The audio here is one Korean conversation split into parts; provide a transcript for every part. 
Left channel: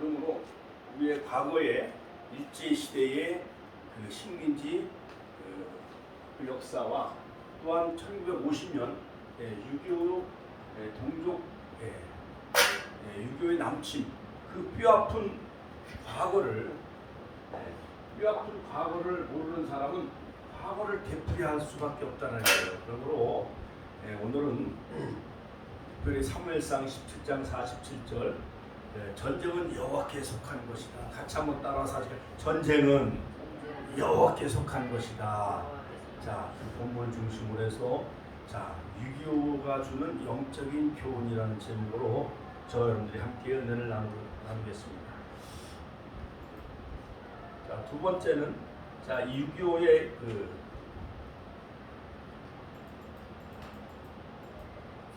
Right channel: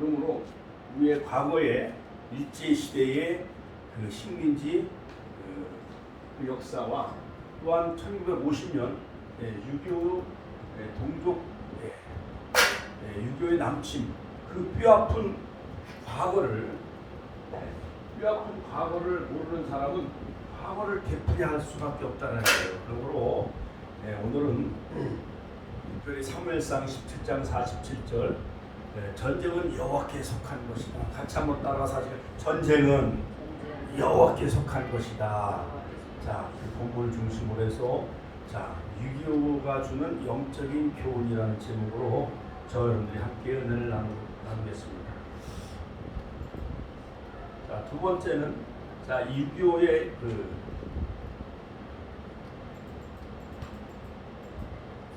그러므로 우리의 과거의 일제시대의 그 식민지 그 역사와 또한 1950년 6.25 동족 유교의 남침 그 뼈아픈 과거를 모르는 사람은 과거를 되풀이할 수밖에 없다는 거예요. 그러므로 오늘은 특별히 사무엘상 17장 47절 전쟁은 여호와께 속한 것이다. 같이 한번 따라서 하세요. 전쟁은 여호와께 속한 것이다. 자, 그 본문을 중심으로 해서 자, 6.25가 주는 영적인 교훈이라는 제목으로 저 여러분들이 함께 은혜를 나누겠습니다. 자, 두 번째는 자, 6.25의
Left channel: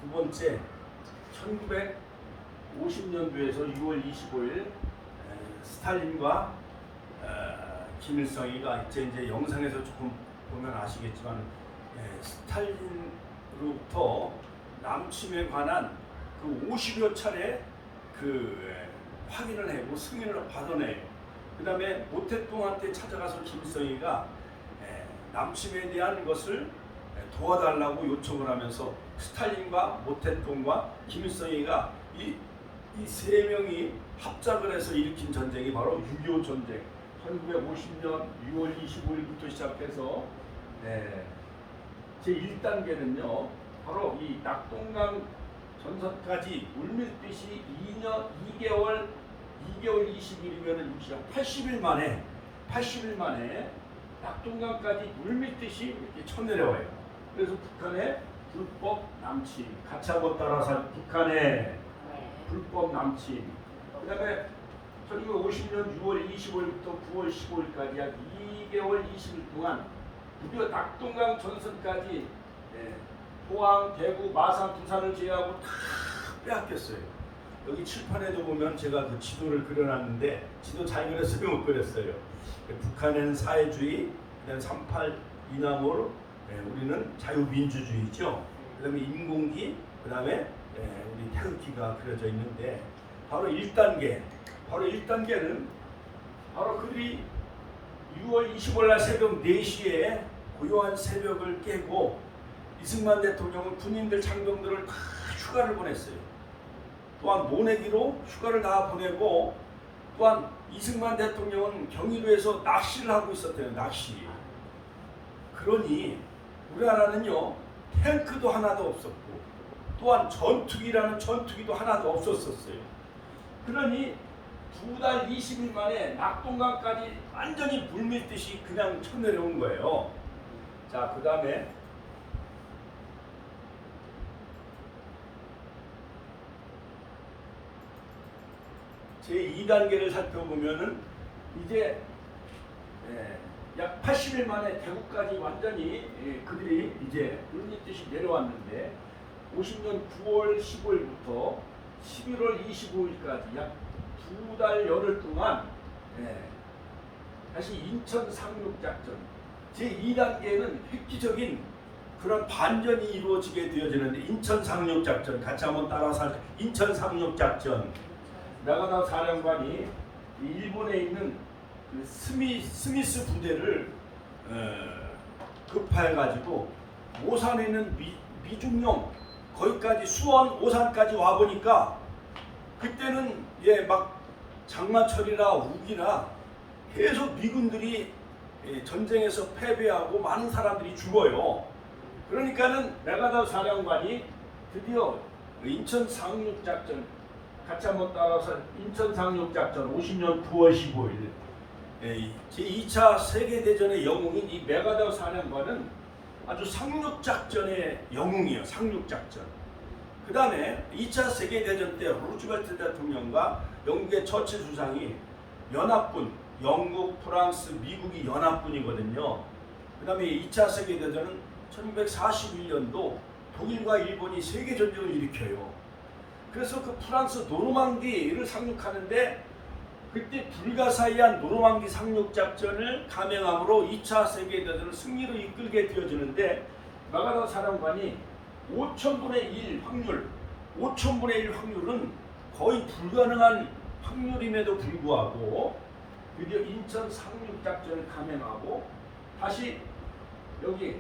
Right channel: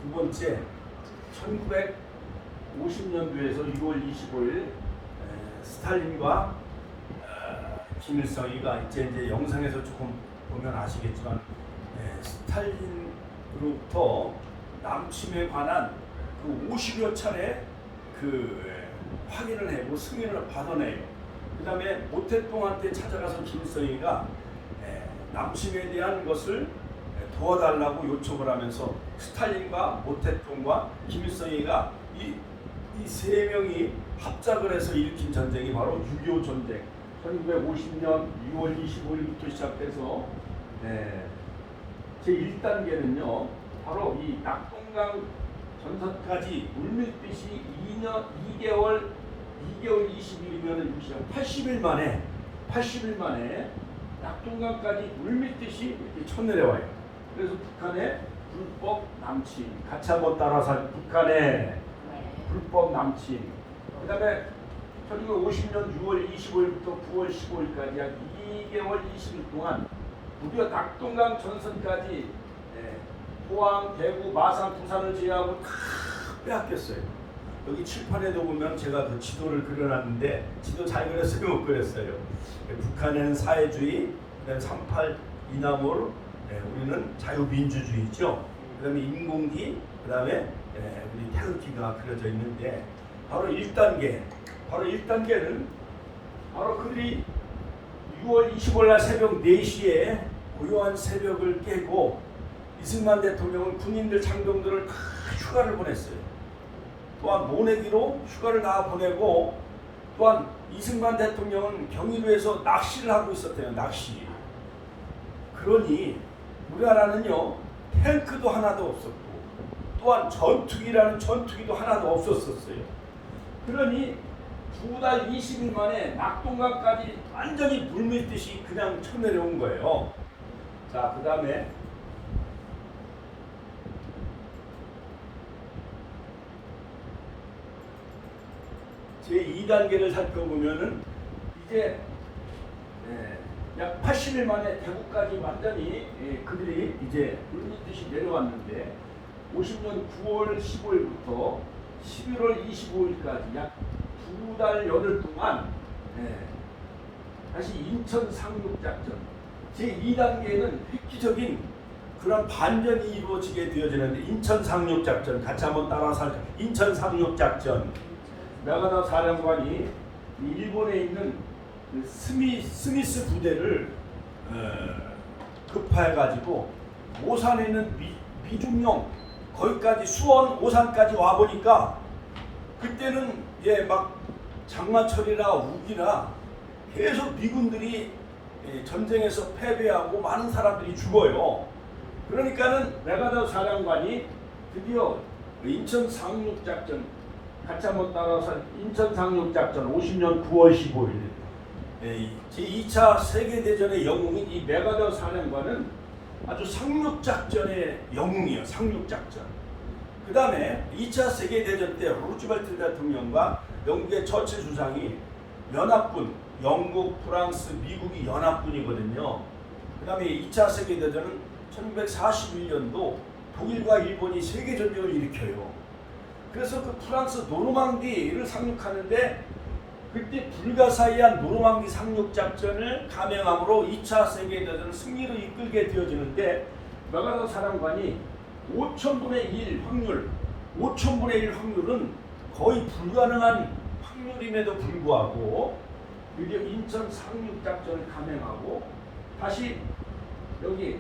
두 번째 1950년도에서 6월 25일 스탈린과 김일성이가 이제 영상에서 조금 보면 아시겠지만 스탈린으로부터 남침에 관한 그 50여 차례 그 확인을 하고 승인을 받아내요. 그 다음에 모태똥한테 찾아가서 김일성이가 남침에 대한 것을 도와달라고 요청을 하면서 스탈린과 모태똥과 김일성이가 이 세 명이 합작을 해서 일으킨 전쟁이 바로 6.25 전쟁. 1950년 6월 25일부터 시작해서 제1단계는요 바로 이 낙동강 전선까지 물밀듯이 2개월 20일이면 80일 만에 낙동강까지 물밀듯이 이렇게 쳐내려와요. 그래서 북한의 불법 남침, 같이 한번 따라서 북한의 불법 남침. 그 다음에 1950년 6월 25일부터 9월 15일까지 약 2개월 20일 동안 무려 낙동강 전선까지 포항, 대구, 마산, 부산을 제외하고 다 빼앗겼어요. 여기 칠판에도 보면 제가 그 지도를 그려놨는데 지도 잘 그렸어요, 못 그렸어요? 북한에는 사회주의, 그다음에 38 이남홀, 우리는 자유민주주의죠. 그다음에 인공기, 그다음에 우리 태극기가 그려져 있는데 바로 1단계는 바로 그들이 6월 25일 날 새벽 4시에 고요한 새벽을 깨고 이승만 대통령은 군인들 장병들을 다 휴가를 보냈어요. 또한 모내기로 휴가를 다 보내고 또한 이승만 대통령은 경의도에서 낚시를 하고 있었대요. 낚시. 그러니 우리나라는요 탱크도 하나도 없었고 또한 전투기라는 전투기도 하나도 없었어요. 그러니 2달 20일 만에 낙동강까지 완전히 물밀듯이 그냥 쳐내려온 거예요. 자, 그 다음에 제2단계를 살펴보면은 이제 약 80일 만에 대구까지 완전히 그들이 이제 물밀듯이 내려왔는데 50년 9월 15일부터 11월 25일까지 약 2달 열흘 동안 다시 인천 상륙작전 제2단계는 획기적인 그런 반전이 이루어지게 되어지는데 인천 상륙작전 같이 한번 따라서 인천 상륙작전 나가다 사령관이 일본에 있는 그 스미스 부대를 급파해가지고 오산에 있는 미중령 거기까지 수원 오산까지 와 보니까 그때는 막 장마철이나 우기나 계속 미군들이 전쟁에서 패배하고 많은 사람들이 죽어요. 그러니까는 메가더 사령관이 드디어 인천 상륙작전 같이 한번 따라서 인천 상륙작전 50년 9월 15일 제2차 세계대전의 영웅인 이 메가더 사령관은 아주 상륙작전의 영웅이에요. 상륙작전. 그 다음에 2차 세계대전 때 루즈벨트 대통령과 영국의 처칠 주장이 연합군, 영국, 프랑스, 미국이 연합군이거든요. 그 다음에 2차 세계대전은 1941년도 독일과 일본이 세계전쟁을 일으켜요. 그래서 그 프랑스 노르망디를 상륙하는데 그때 불가사의한 노르망디 상륙작전을 감행함으로 2차 세계대전을 승리로 이끌게 되어지는데 마가더 사령관이 5,000분의 1 확률은 거의 불가능한 확률임에도 불구하고 드디어 인천 상륙작전을 감행하고 다시 여기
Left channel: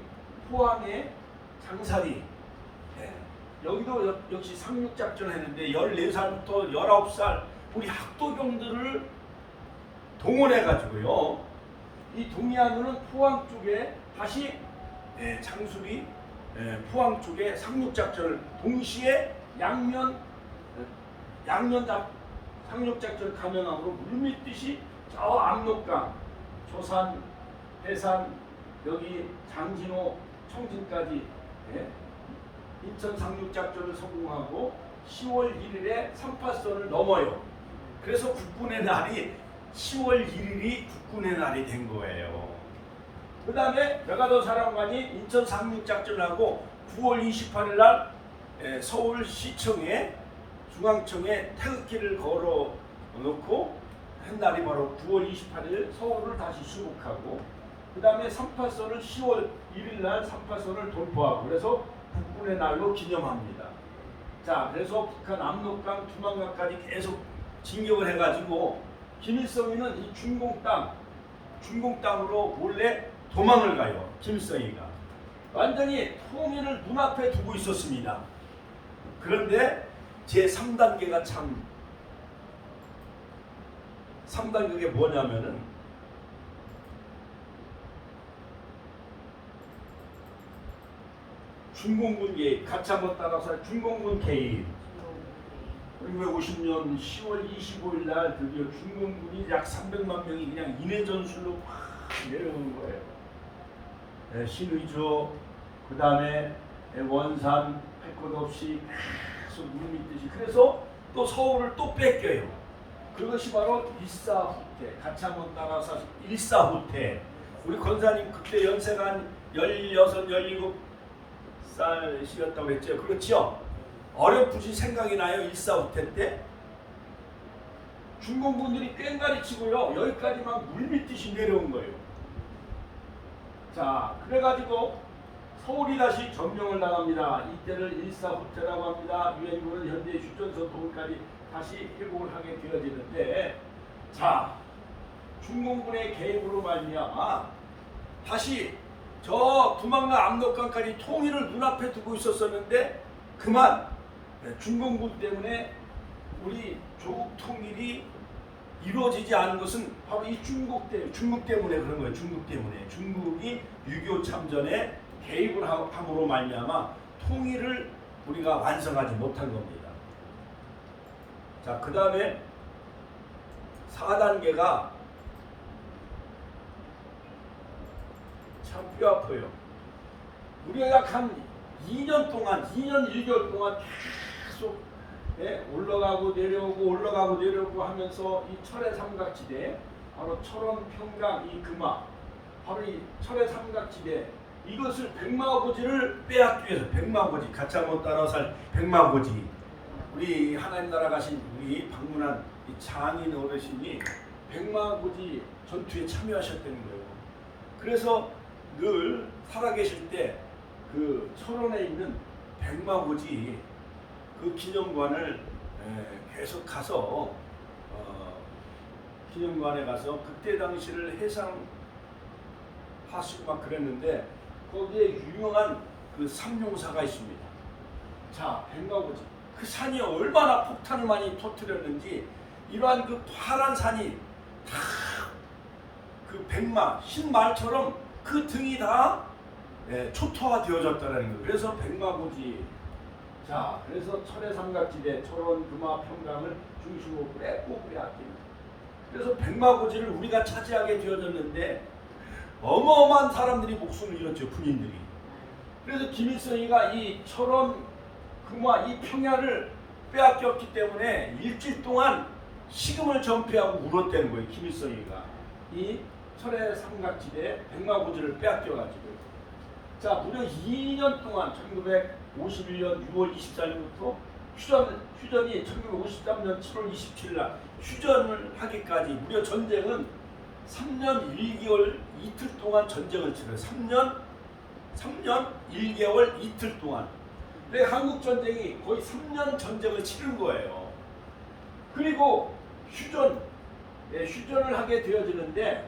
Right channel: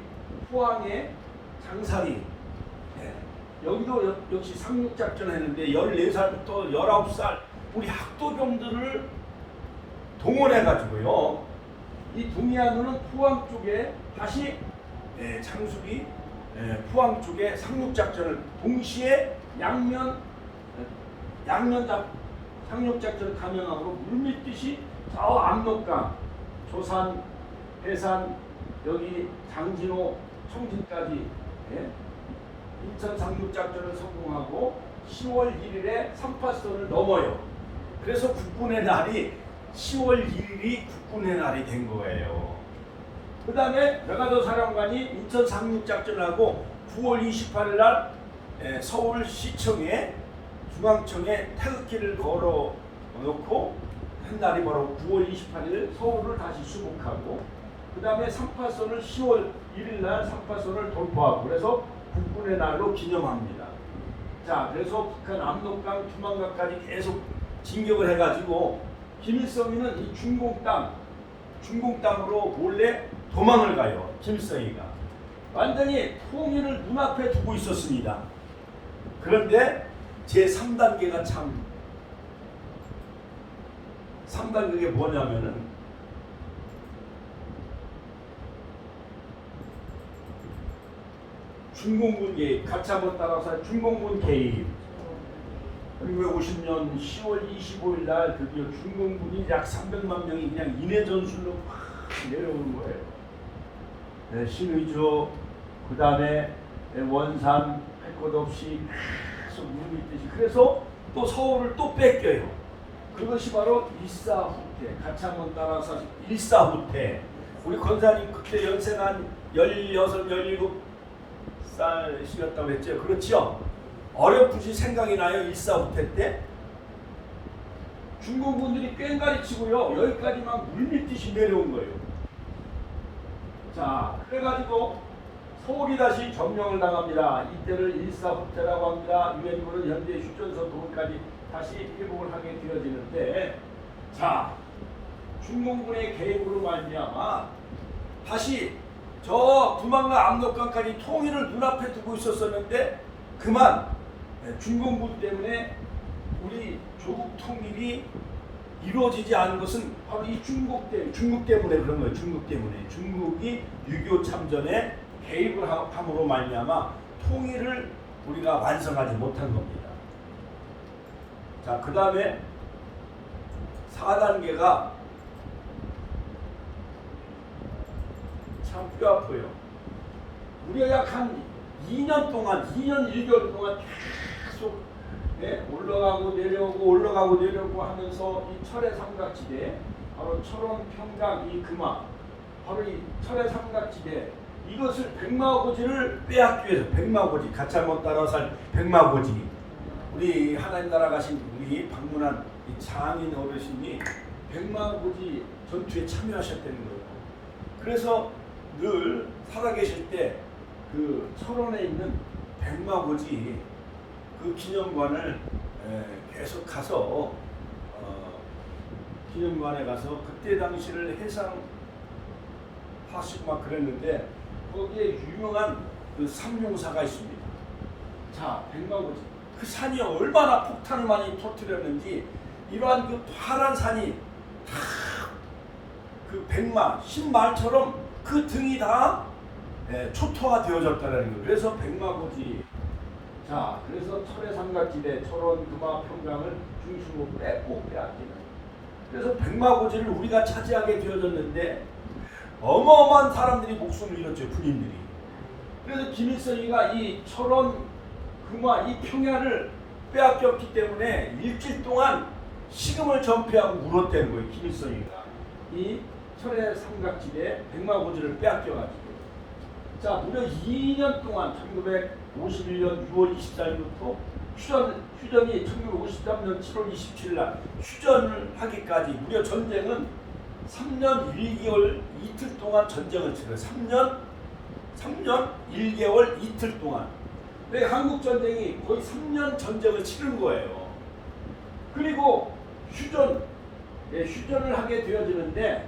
포항의 장사리, 여기도 역시 상륙작전을 했는데 14살부터 19살 우리 학도병들을 동원해가지고요, 이 동해안으로는 포항 쪽에 다시 장수리 포항 쪽에 상륙작전을 동시에 양면 상륙작전을 감행함으로 물밀듯이 저 압록강, 조산, 해산, 여기 장진호, 청진까지 인천 상륙작전을 성공하고 10월 1일에 3파선을 넘어요. 그래서 국군의 날이 10월 1일이 국군의 날이 된 거예요. 그 다음에 메가더 사령관이 인천 상륙작전하고 9월 28일 날 서울시청에 중앙청에 태극기를 걸어 놓고 한 날이 바로 9월 28일 서울을 다시 수복하고, 그 다음에 3파선을 10월 1일 날 3파선을 돌파하고, 그래서 국군의 날로 기념합니다. 자, 그래서 북한 압록강, 두만강까지 계속 진격을 해가지고 김일성이는 이 중공 땅으로 몰래 도망을 가요. 김일성이가 완전히 통일을 눈앞에 두고 있었습니다. 그런데 제 3단계가 참 3단계가 뭐냐면은 중공군 개입, 같이 한번 따라서 중공군 개입. 1950년 10월 25일 날 드디어 중공군이 약 300만 명이 그냥 인해 전술로 막 내려오는 거예요. 신의주, 그 다음에 원산, 할 것 없이 계속 물밀듯이. 그래서 또 서울을 또 뺏겨요. 그것이 바로 일사후퇴. 같이 한번 따라서 일사후퇴. 우리 권사님 그때 연세가 한 16, 17살이셨다고 했죠. 그렇죠? 어렴풋이 생각이 나요. 일사후퇴 때 중공군들이 꽹가리 치고요, 여기까지 막 물밀듯이 내려온 거예요. 자, 그래가지고 서울이 다시 점령을 당합니다. 이때를 일사후퇴라고 합니다. 유엔군은 현재 휴전선 거기까지 다시 회복을 하게 되어지는데, 자, 중공군의 개입으로 말미암아 다시 저 두만강 압록강까지 통일을 눈앞에 두고 있었었는데 그만 중공군 때문에 우리 조국 통일이 이루어지지 않은 것은 바로 이 중국 때문에 그런 거예요. 중국 때문에. 중국이 6.25 참전에 개입을 함으로 말미암아 통일을 우리가 완성하지 못한 겁니다. 자, 그 다음에 4단계가 참 뼈아파요. 우리가 약 한 2년 1개월 동안 계속 올라가고 내려오고 하면서 이 철의 삼각지대, 바로 철원, 평강, 이 금화, 바로 이 철의 삼각지대, 이것을 백마고지를 빼앗기 위해서, 백마고지, 같이 한번 따라서 백마고지, 우리 하나님 나라 가신 우리 방문한 이 장인 어르신이 백마고지 전투에 참여하셨다는 거예요. 그래서 늘 살아계실 때 그 철원에 있는 백마고지 그 기념관을 계속 가서 기념관에 가서 그때 당시를 해상하시고 막 그랬는데 거기에 유명한 그 삼룡사가 있습니다. 자, 백마고지 그 산이 얼마나 폭탄을 많이 터뜨렸는지, 이러한 그 파란 산이 다 그 백마, 흰말처럼 그 등이 다 초토화가 되어졌다는 거예요. 그래서 백마고지. 자, 그래서 철의 삼각지대, 철원, 금화, 평강을 중심으로 빼앗기는. 그래서 백마고지를 우리가 차지하게 되어졌는데 어마어마한 사람들이 목숨을 잃었죠, 군인들이. 그래서 김일성이가 이 철원, 금화, 이 평야를 빼앗겼기 때문에 일주일 동안 식음을 전폐하고 물었다는 거예요, 김일성이가. 이 철의 삼각지대, 백마고지를 빼앗겨가지고. 자, 무려 2년 동안 1951년 6월 24일부터 휴전이 1953년 7월 27일 날 휴전을 하기까지 무려 전쟁은 3년 1개월 이틀 동안 전쟁을 치러요. 3년 1개월 이틀 동안. 한국 전쟁이 거의 3년 전쟁을 치른 거예요. 그리고 휴전을 하게 되어지는데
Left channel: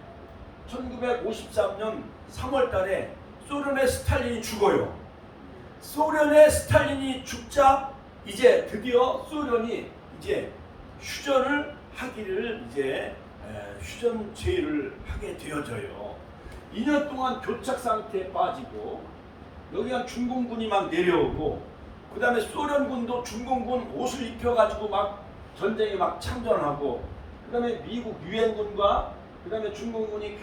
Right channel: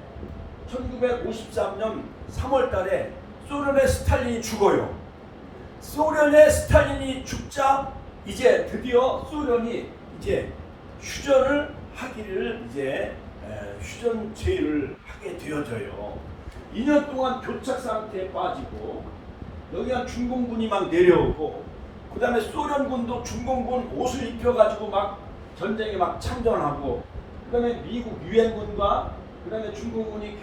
1953년 3월 달에 소련의 스탈린이 죽어요. 소련의 스탈린이 죽자 이제 드디어 소련이 이제 휴전을 하기를 이제 휴전 제의를 하게 되어져요. 2년 동안 교착 상태에 빠지고 여기가 중공군이 막 내려오고 그 다음에 소련군도 중공군 옷을 입혀가지고 막 전쟁에 막 참전하고 그 다음에 미국 유엔군과 그 다음에 중공군이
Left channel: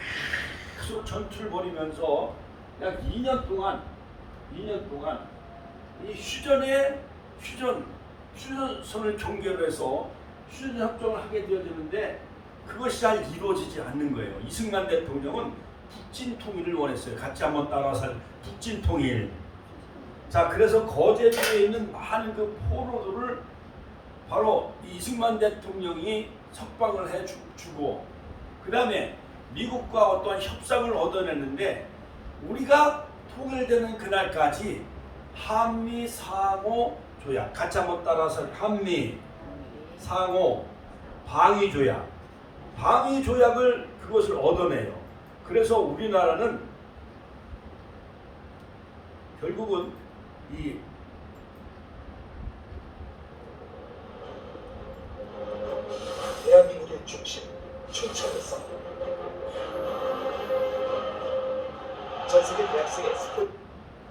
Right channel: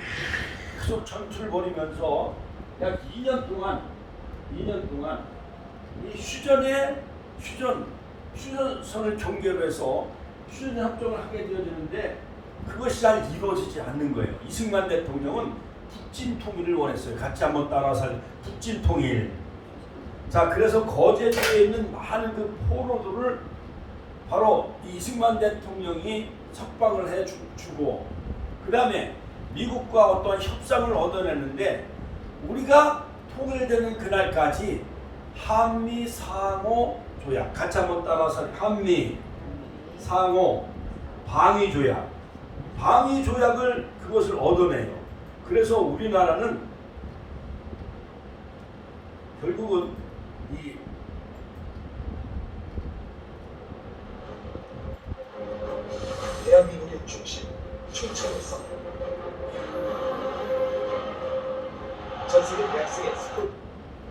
계속 전투를 벌이면서 약 2년 동안 이 휴전선을 경계로 해서 휴전 협정을 하게 되어지는데 그것이 잘 이루어지지 않는 거예요. 이승만 대통령은 북진 통일을 원했어요. 같이 한번 따라서 북진 통일. 자, 그래서 거제도에 있는 많은 그 포로들을 바로 이승만 대통령이 석방을 해주고 그 다음에 미국과 어떠한 협상을 얻어내는데 우리가 통일되는 그날까지 한미 상호 조약, 같이 한번 따라서 한미 상호 방위 조약을 그것을 얻어내요. 그래서 우리나라는 결국은 이 대한민국의 중심, 춘천에서 전세계 대학생의 스포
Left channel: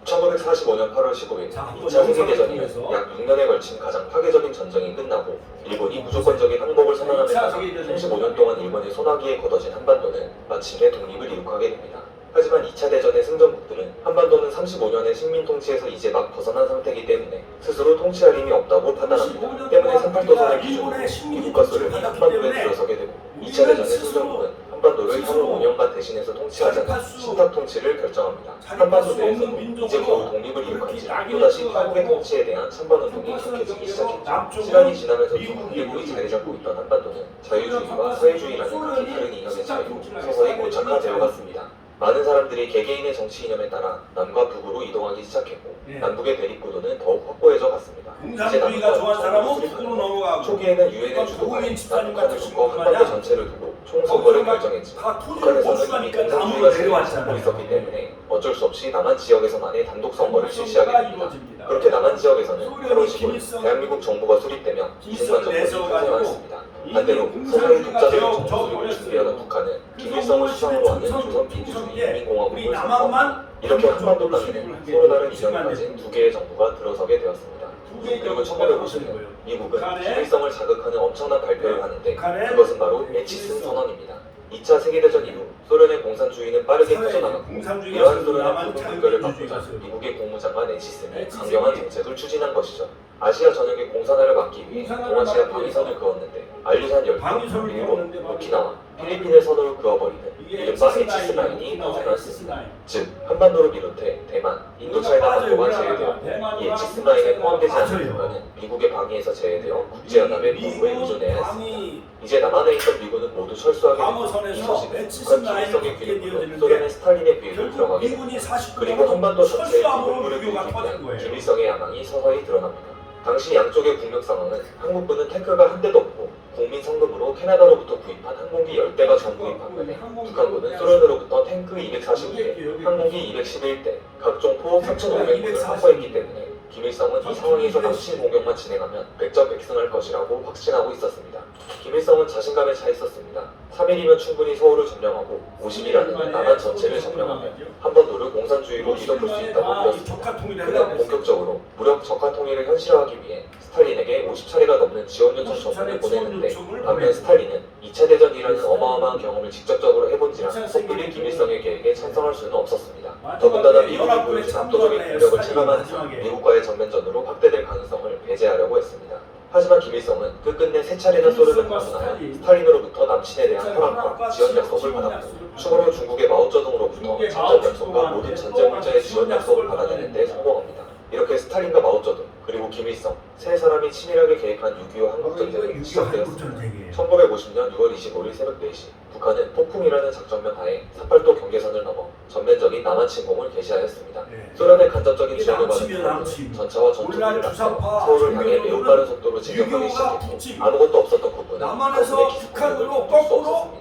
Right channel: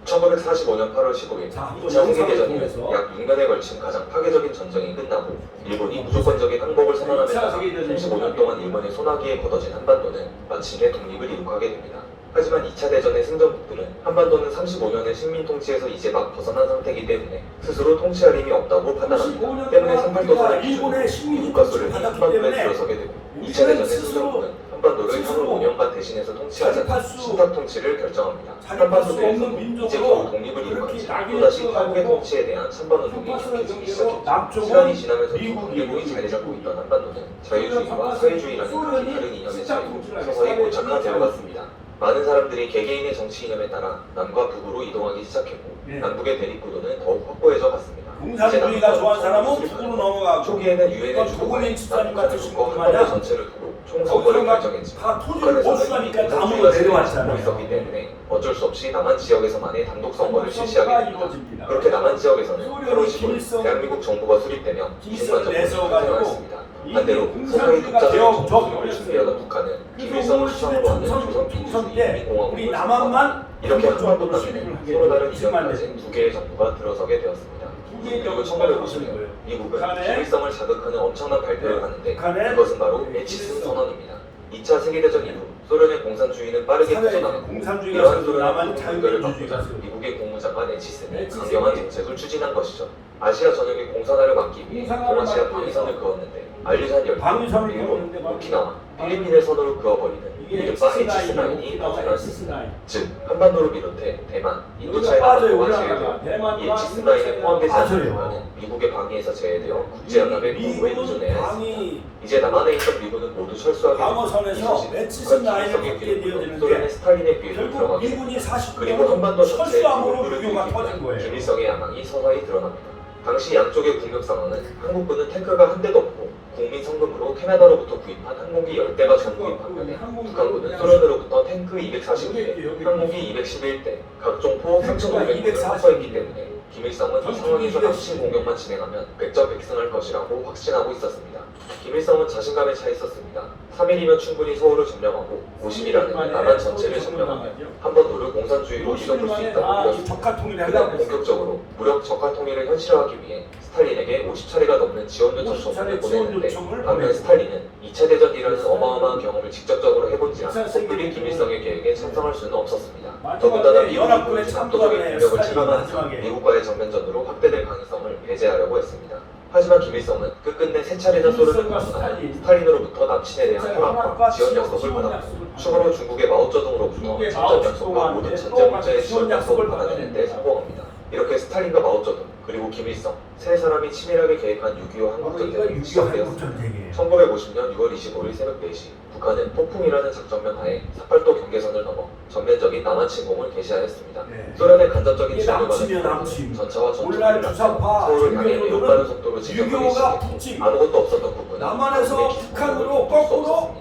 1945년 8월 15일 자, 한번 2차 영상을 세계대전이 통해서 약 6년에 걸친 가장 파괴적인 전쟁이 끝나고 일본이 무조건적인 항복을 선언함에 따라 35년 동안 일본의 소나기에 걷어진 한반도는 마침내 독립을 이룩하게 됩니다. 하지만 2차 대전의 승전국들은 한반도는 35년의 식민 통치에서 이제 막 벗어난 상태이기 때문에 스스로 통치할 힘이 없다고 판단합니다. 때문에 삼국도선을 기준으로 미국과 소련이 한반도에 들어서게 되고 2차 대전의 승전국은 한반도를 향후 5년간 대신해서 통치하자 신탁 통치를 결정합니다. 한반도 내에서는 이제 겨우 독립을 이룩한지 또다시 한국의 통치에 대한 찬반운동이 계속되기 시작했죠. 시간이 지나면서 두 국민이 자리 잡고 있던 한반도는 자유주의와 사회주의라는 각기 다른 이념의 차이로 서서히 고착화되어 갔습니다. 많은 사람들이 개개인의 정치 이념에 따라 남과 북으로 이동하기 시작했고 남북의 대립구도는 더욱 확고해져 갔습니다. 공산주의가 좋아하는 사람은 북으로 넘어가고 초기에는 유엔의 조국민 집사님 같은 한반도 마냥 전체를 두고 총선거를 결정했지만 다 토지를 보수하니까 남으로 내려왔잖아요. 있었기 때문에 어쩔 수 없이 남한 지역에서만의 단독 선거를 실시하게 됩니다. 이루어집니다. 그렇게 남한 지역에서는 소련이 8월 15일 대한민국 정부가 수립되며 김일성 내세워가지고 일어났습니다. 이미 반대로 공산주의가 서서히 되어 독자적인 정치를 버렸어요. 북한은 그래서 김일성 5월 10일 수상으로 하는 조선 총선 때 민주주의 우리 남한만 이렇게 한반도로 한반도는 수립을 하게 서로 다른 이승만 이념을 가진 두 개의 정부가 들어서게 되었습니다. 두 개의 그리고 정부가 들어서는 1950년 거예요. 미국은 북한의 김일성을 자극하는 엄청난 발표를 하는데 북한의 그것은 바로 에치슨 김일성. 선언입니다. 2차 세계대전 이후 소련의 공산주의는 빠르게 사회 퍼져나갔고 공산주의가 세고 남한이 자유민주주의가 세고 미국의 고무장관 에치슨이 에치슨이 강경한 정책을 추진한 것이죠. 아시아 전역의 공산화를 막기 위해 공산화를 동아시아 막기 방위선을 그었는데 알리산 열병, 방위선을 일본, 그었는데 오키나와, 필리핀의 선호를 그어버리는 이게 이른바 에치슨 에치슨 라인이 오키나와 나타났습니다. 에치슨 라인 즉 한반도를 비롯해 대만, 여기가 인도차이나 빠져요. 동아시아에 올라가가 대만과 이 에치슨 라인에 포함되지 않는 빠져요. 국가는 미국의 방위에서 제외되어 국제연합의 보호에 의존해야 했습니다. 방위 이제 남한에 있던 미군은 모두 철수하게 방어선에서 에치슨 라인을 갖게 되어지는데 소련의 스탈린의 비행을 결국 들어가게 미군이 그리고 49년은 한반도 전체에 철수함으로 군부를 유교가 일으키며 터진 거예요. 김일성의 야망이 서서히 드러납니다. 당시 양쪽의 국력 상황은 한국군은 탱크가 한 대도 없고 국민 성금으로 캐나다로부터 구입한 항공기 10대가 전구입 반면에 북한군은 소련으로부터 탱크 245대, 항공기 211대, 각종 포 3,500대를 확보했기 때문에 김일성은 이 상황에서 합친 공격만 진행하면 백전백승할 것이라고 확신하고 있었습니다. 김일성은 자신감에 차 있었습니다. 3일이면 충분히 서울을 점령하고 50일이라는 남한 전체를 점령하고 한반도를 공산주의로 뒤덮을 수 있다고 믿었습니다. 적화 통일을 그다음 하려고 했어요. 본격적으로 무력 적화 통일을 현실화하기 위해 스탈린에게 50차례가 넘는 지원 요청 50차례 전문을 지원 보냈는데 요청을 반면 보내고 스탈린은 2차 대전이라는 어마어마한 경험을 직접적으로 해본지라 2차 세계 섣불리 김일성의 계획에 찬성할 수는 없었습니다. 마지막에 더군다나 미국이 연합군에 보여준 참가를 압도적인 해요. 공격을 스탈린이 차단하면서 마지막에. 미국과의 전면전으로 확대될 가능성을 배제하려고 했습니다. 하지만 김일성은 끝끝내 세 차례나 소련을 김일성과 방문한 스탈린. 스탈린으로부터 남친에 대한 허락과 지원 약속을 받았고 추가로 중국의 마오쩌둥으로부터 중국의 친전 마오 약속과 쩌둥 모든 또 전쟁 문제의 지원 지원 약속을 약속을 받아내는 데 성공합니다. 이렇게 스탈린과 마오쩌둥 그리고 김일성 세 사람이 치밀하게 계획한 6.25 바로 이거 한국전쟁이 6.25 시작되었습니다. 한국전쟁이에요. 1950년 6월 25일 새벽 4시 북한은 폭풍이라는 작전명 하에 삿발도 경계선을 넘어 전면적인 남한 침공을 개시하였습니다. 네. 소련의 간접적인 이게 지원을 남침이야, 받은 남침. 전차와 전투기를 오늘날 주사파 서울을 향해 종교도는 매우 속도로 진격하기 6.25가 시작했고 북침. 아무것도 없었던 국군은 남한에서 북한으로 거꾸로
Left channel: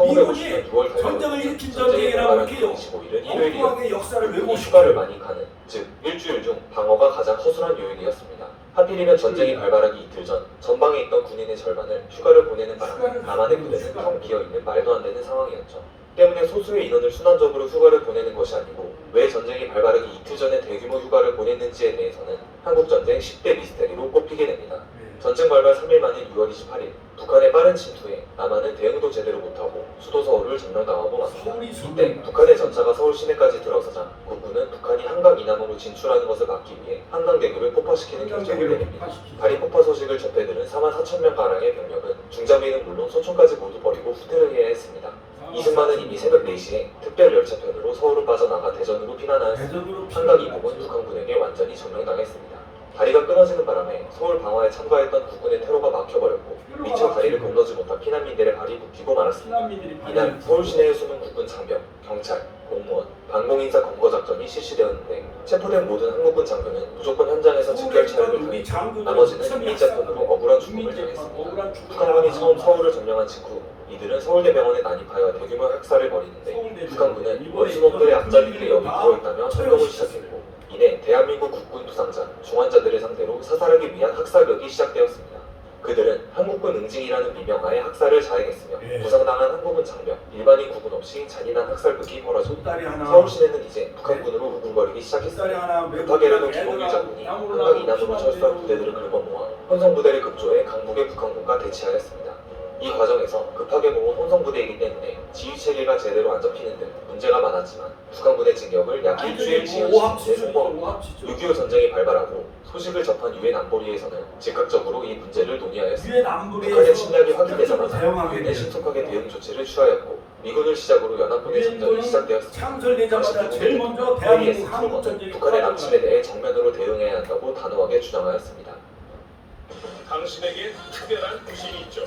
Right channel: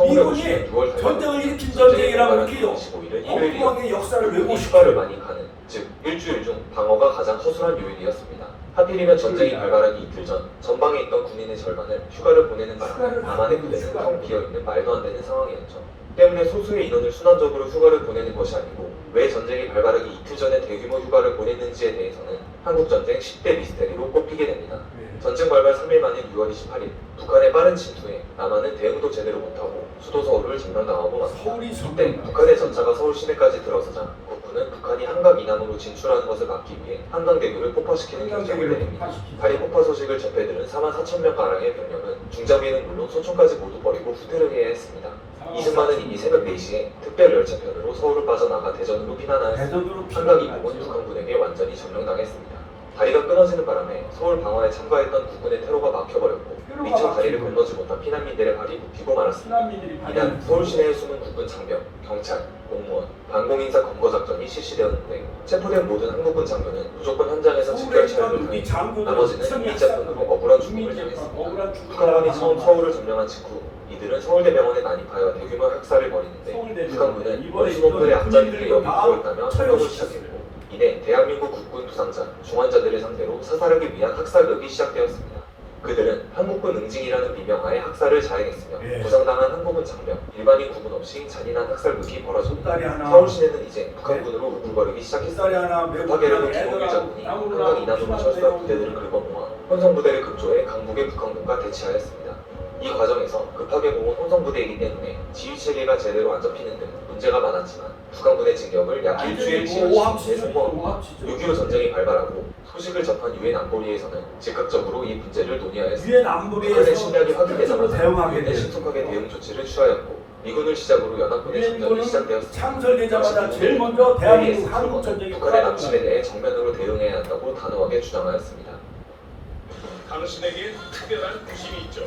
미군이 전쟁을 일으킨 전쟁이라고 이렇게 엉뚱하게 역사를 휴가를 왜곡시켜요. 많이 가는, 즉 일주일 중 방어가 가장 허술한 요인이었습니다. 하필이면 전쟁이 발발하기 이틀 전 전방에 있던 군인의 절반을 휴가를 보내는 바람에 남한의 부대는 텅 비어있는 말도 안 되는 상황이었죠. 때문에 소수의 인원을 순환적으로 휴가를 보내는 것이 아니고 왜 전쟁이 발발하기 이틀 전에 대규모 휴가를 보냈는지에 대해서는 한국전쟁 10대 미스테리로 꼽히게 됩니다. 전쟁 발발 3일 만인 6월 28일 북한의 빠른 침투에 남한은 대응도 제대로 못하고 수도 서울을 점령당하고 왔습니다. 서울이 이때 점령. 북한의 전차가 서울 시내까지 들어서자 국군은 북한이 한강 이남으로 진출하는 것을 막기 위해 한강대교를 폭파시키는 결정을 한강대교를 내립니다. 폭파시키죠. 다리 폭파 소식을 접해들은 44,000명가량의 병력은 중장비는 물론 소총까지 모두 버리고 후퇴를 해야 했습니다. 이승만은 이미 새벽 4시에 특별 열차편으로 서울을 빠져나가 대전으로 피난하였습니다. 대전으로 한강 이북은 북한군에게 완전히 점령당했습니다. 다리가 끊어지는 바람에 서울 방어에 참가했던 국군의 테러가 막혀버렸고 미처 다리를 건너지 못한 피난민들의 발이 묶이고 말았습니다. 피난민들이 이날 서울 시내에 숨은 국군 장병, 경찰, 공무원, 방공인사 검거 작전이 실시되었는데 체포된 모든 한국군 장병은 무조건 현장에서 서울에 직결 있던 처리를 우리 하고 장군들 나머지는 선이 이민자권으로 억울한 죽음을 주민재판 당했습니다. 억울한 죽음을 북한군이 처음 당한 서울을 점령한 직후 이들은 서울대병원에 난입하여 대규모 학살을 벌이는데 서울대병원. 북한군은 이번에 원수놈들의 있던 앞자리를 군인들도 다 엿보고 있다며 참여를 처형시켰어요. 시작했고 이내 대한민국 국군 부상자, 중환자들을 상대로 사살하기 위한 학살극이 시작되었습니다. 그들은 한국군 응징이라는 비명하에 학살을 자행했으며 예. 부상당한 한국군 장병, 일반인 구분 없이 잔인한 학살극이 벌어졌습니다. 솥다리 하나, 서울 시내는 이제 북한군으로 우글거리기 시작했습니다. 솥다리 하나 매고 급하게라도 그냥 김홍일 애들하고 장군이 땅으로 한강 이남으로 나오고 철수한 부대들을 긁어모아 혼성부대를 급조해 강북의 북한군과 대치하였습니다. 이 과정에서 급하게 모은 혼성부대이기 때문에 지휘체계가 제대로 안 잡히는 등 문제가 많았지만 북한군의 진격을 약 일주일 지휘시키고 성공하고 6.25 전쟁이 발발하고 소식을 접한 유엔 안보리에서는 즉각적으로 이 문제를 논의하였습니다. 유엔 북한의 안보리에서 침략이 적극적으로 확인되자 대응하게 유엔은 돼요. 신속하게 대응 조치를 취하였고 미군을 시작으로 연합군의 전쟁이 유엔군은 시작되었습니다. 창설되자마자 제일 먼저 대한민국 한국 전쟁이 북한의 남침에 대해 정면으로 대응해야 한다고 단호하게 주장하였습니다. 당신에게 특별한 부심이 있죠.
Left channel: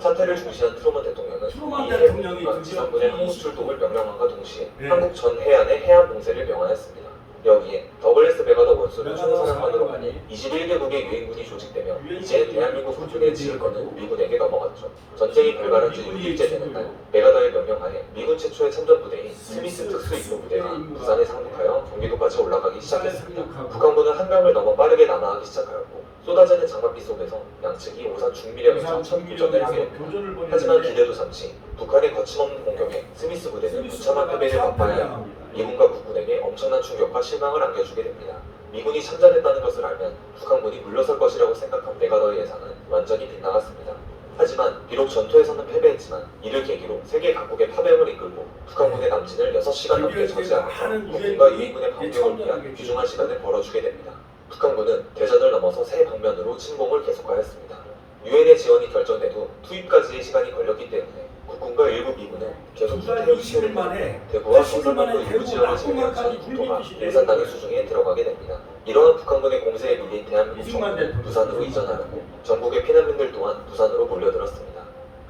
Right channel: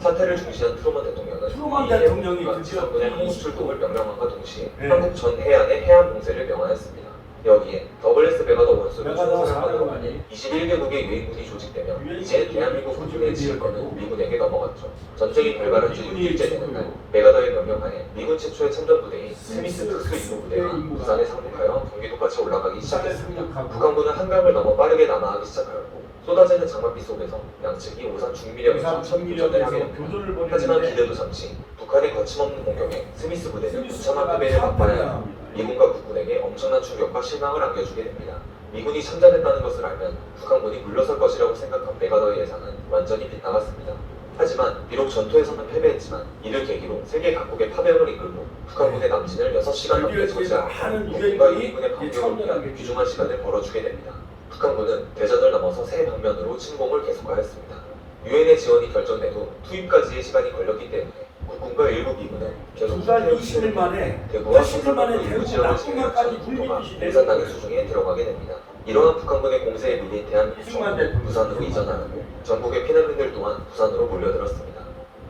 사태를 중시한 트루먼 대통령은 트루먼 대통령이 드디어 지상군의 한국 출국을 명령함과 동시에 네. 한국 전 해안의 해안 봉쇄를 명하였습니다. 여기에 더블S 메가더 원수를 메가더 사령관으로 사령관이 21개국의 유엔군이 조직되며 유엔군이 이제 대한민국 국군의 조직이 지휘권은 되었고 미군에게 넘어갔죠. 전쟁이 발발한 지 미군이 6일째 되는 날 메가더의 명령하에 미군 최초의 참전 부대인 스미스 특수 임무 부대가 부산에 상륙하여 경기도까지 올라가기 부산에 시작했습니다. 상륙하고 북한군은 한강을 넘어 빠르게 남하하기 시작하였고 쏟아지는 장맛비 속에서 양측이 오산 중미령에서 부산 천교전을 하게 중미령에서 됩니다. 교전을 하지만 벌이는데 기대도 잠시 북한의 거침없는 공격에 스미스 부대는 스미스 무참한 부대가 패배를 맛봐야 참패당합니다. 미군과 국군에게 엄청난 충격과 실망을 안겨주게 됩니다. 미군이 참전했다는 것을 알면 북한군이 물러설 것이라고 생각한 메가더의 예상은 완전히 빗나갔습니다. 하지만 비록 전투에서는 패배했지만 이를 계기로 세계 각국의 파병을 이끌고 북한군의 남진을 6시간 넘게 저지하고 하는 국군과 유엔군이 미군의 방병을 참전하게 위한 귀중한 시간을 벌어주게 됩니다. 북한군은 대전을 넘어서 새 방면으로 침공을 계속하였습니다. 유엔의 지원이 결정돼도 투입까지의 시간이 걸렸기 때문에 국군과 일부 미군은 계속 두달 20일 만에 대구와 80일 만에 충청도 일부 대구 지역을 낙동강까지 지나쳐 불미듯이 공산당의 내려오고 수중에 들어가게 됩니다. 이러한 북한군의 공세에 밀린 대한민국 이승만 대통령 부산으로 이전하고 전국의 피난민들 또한 부산으로 몰려들었습니다.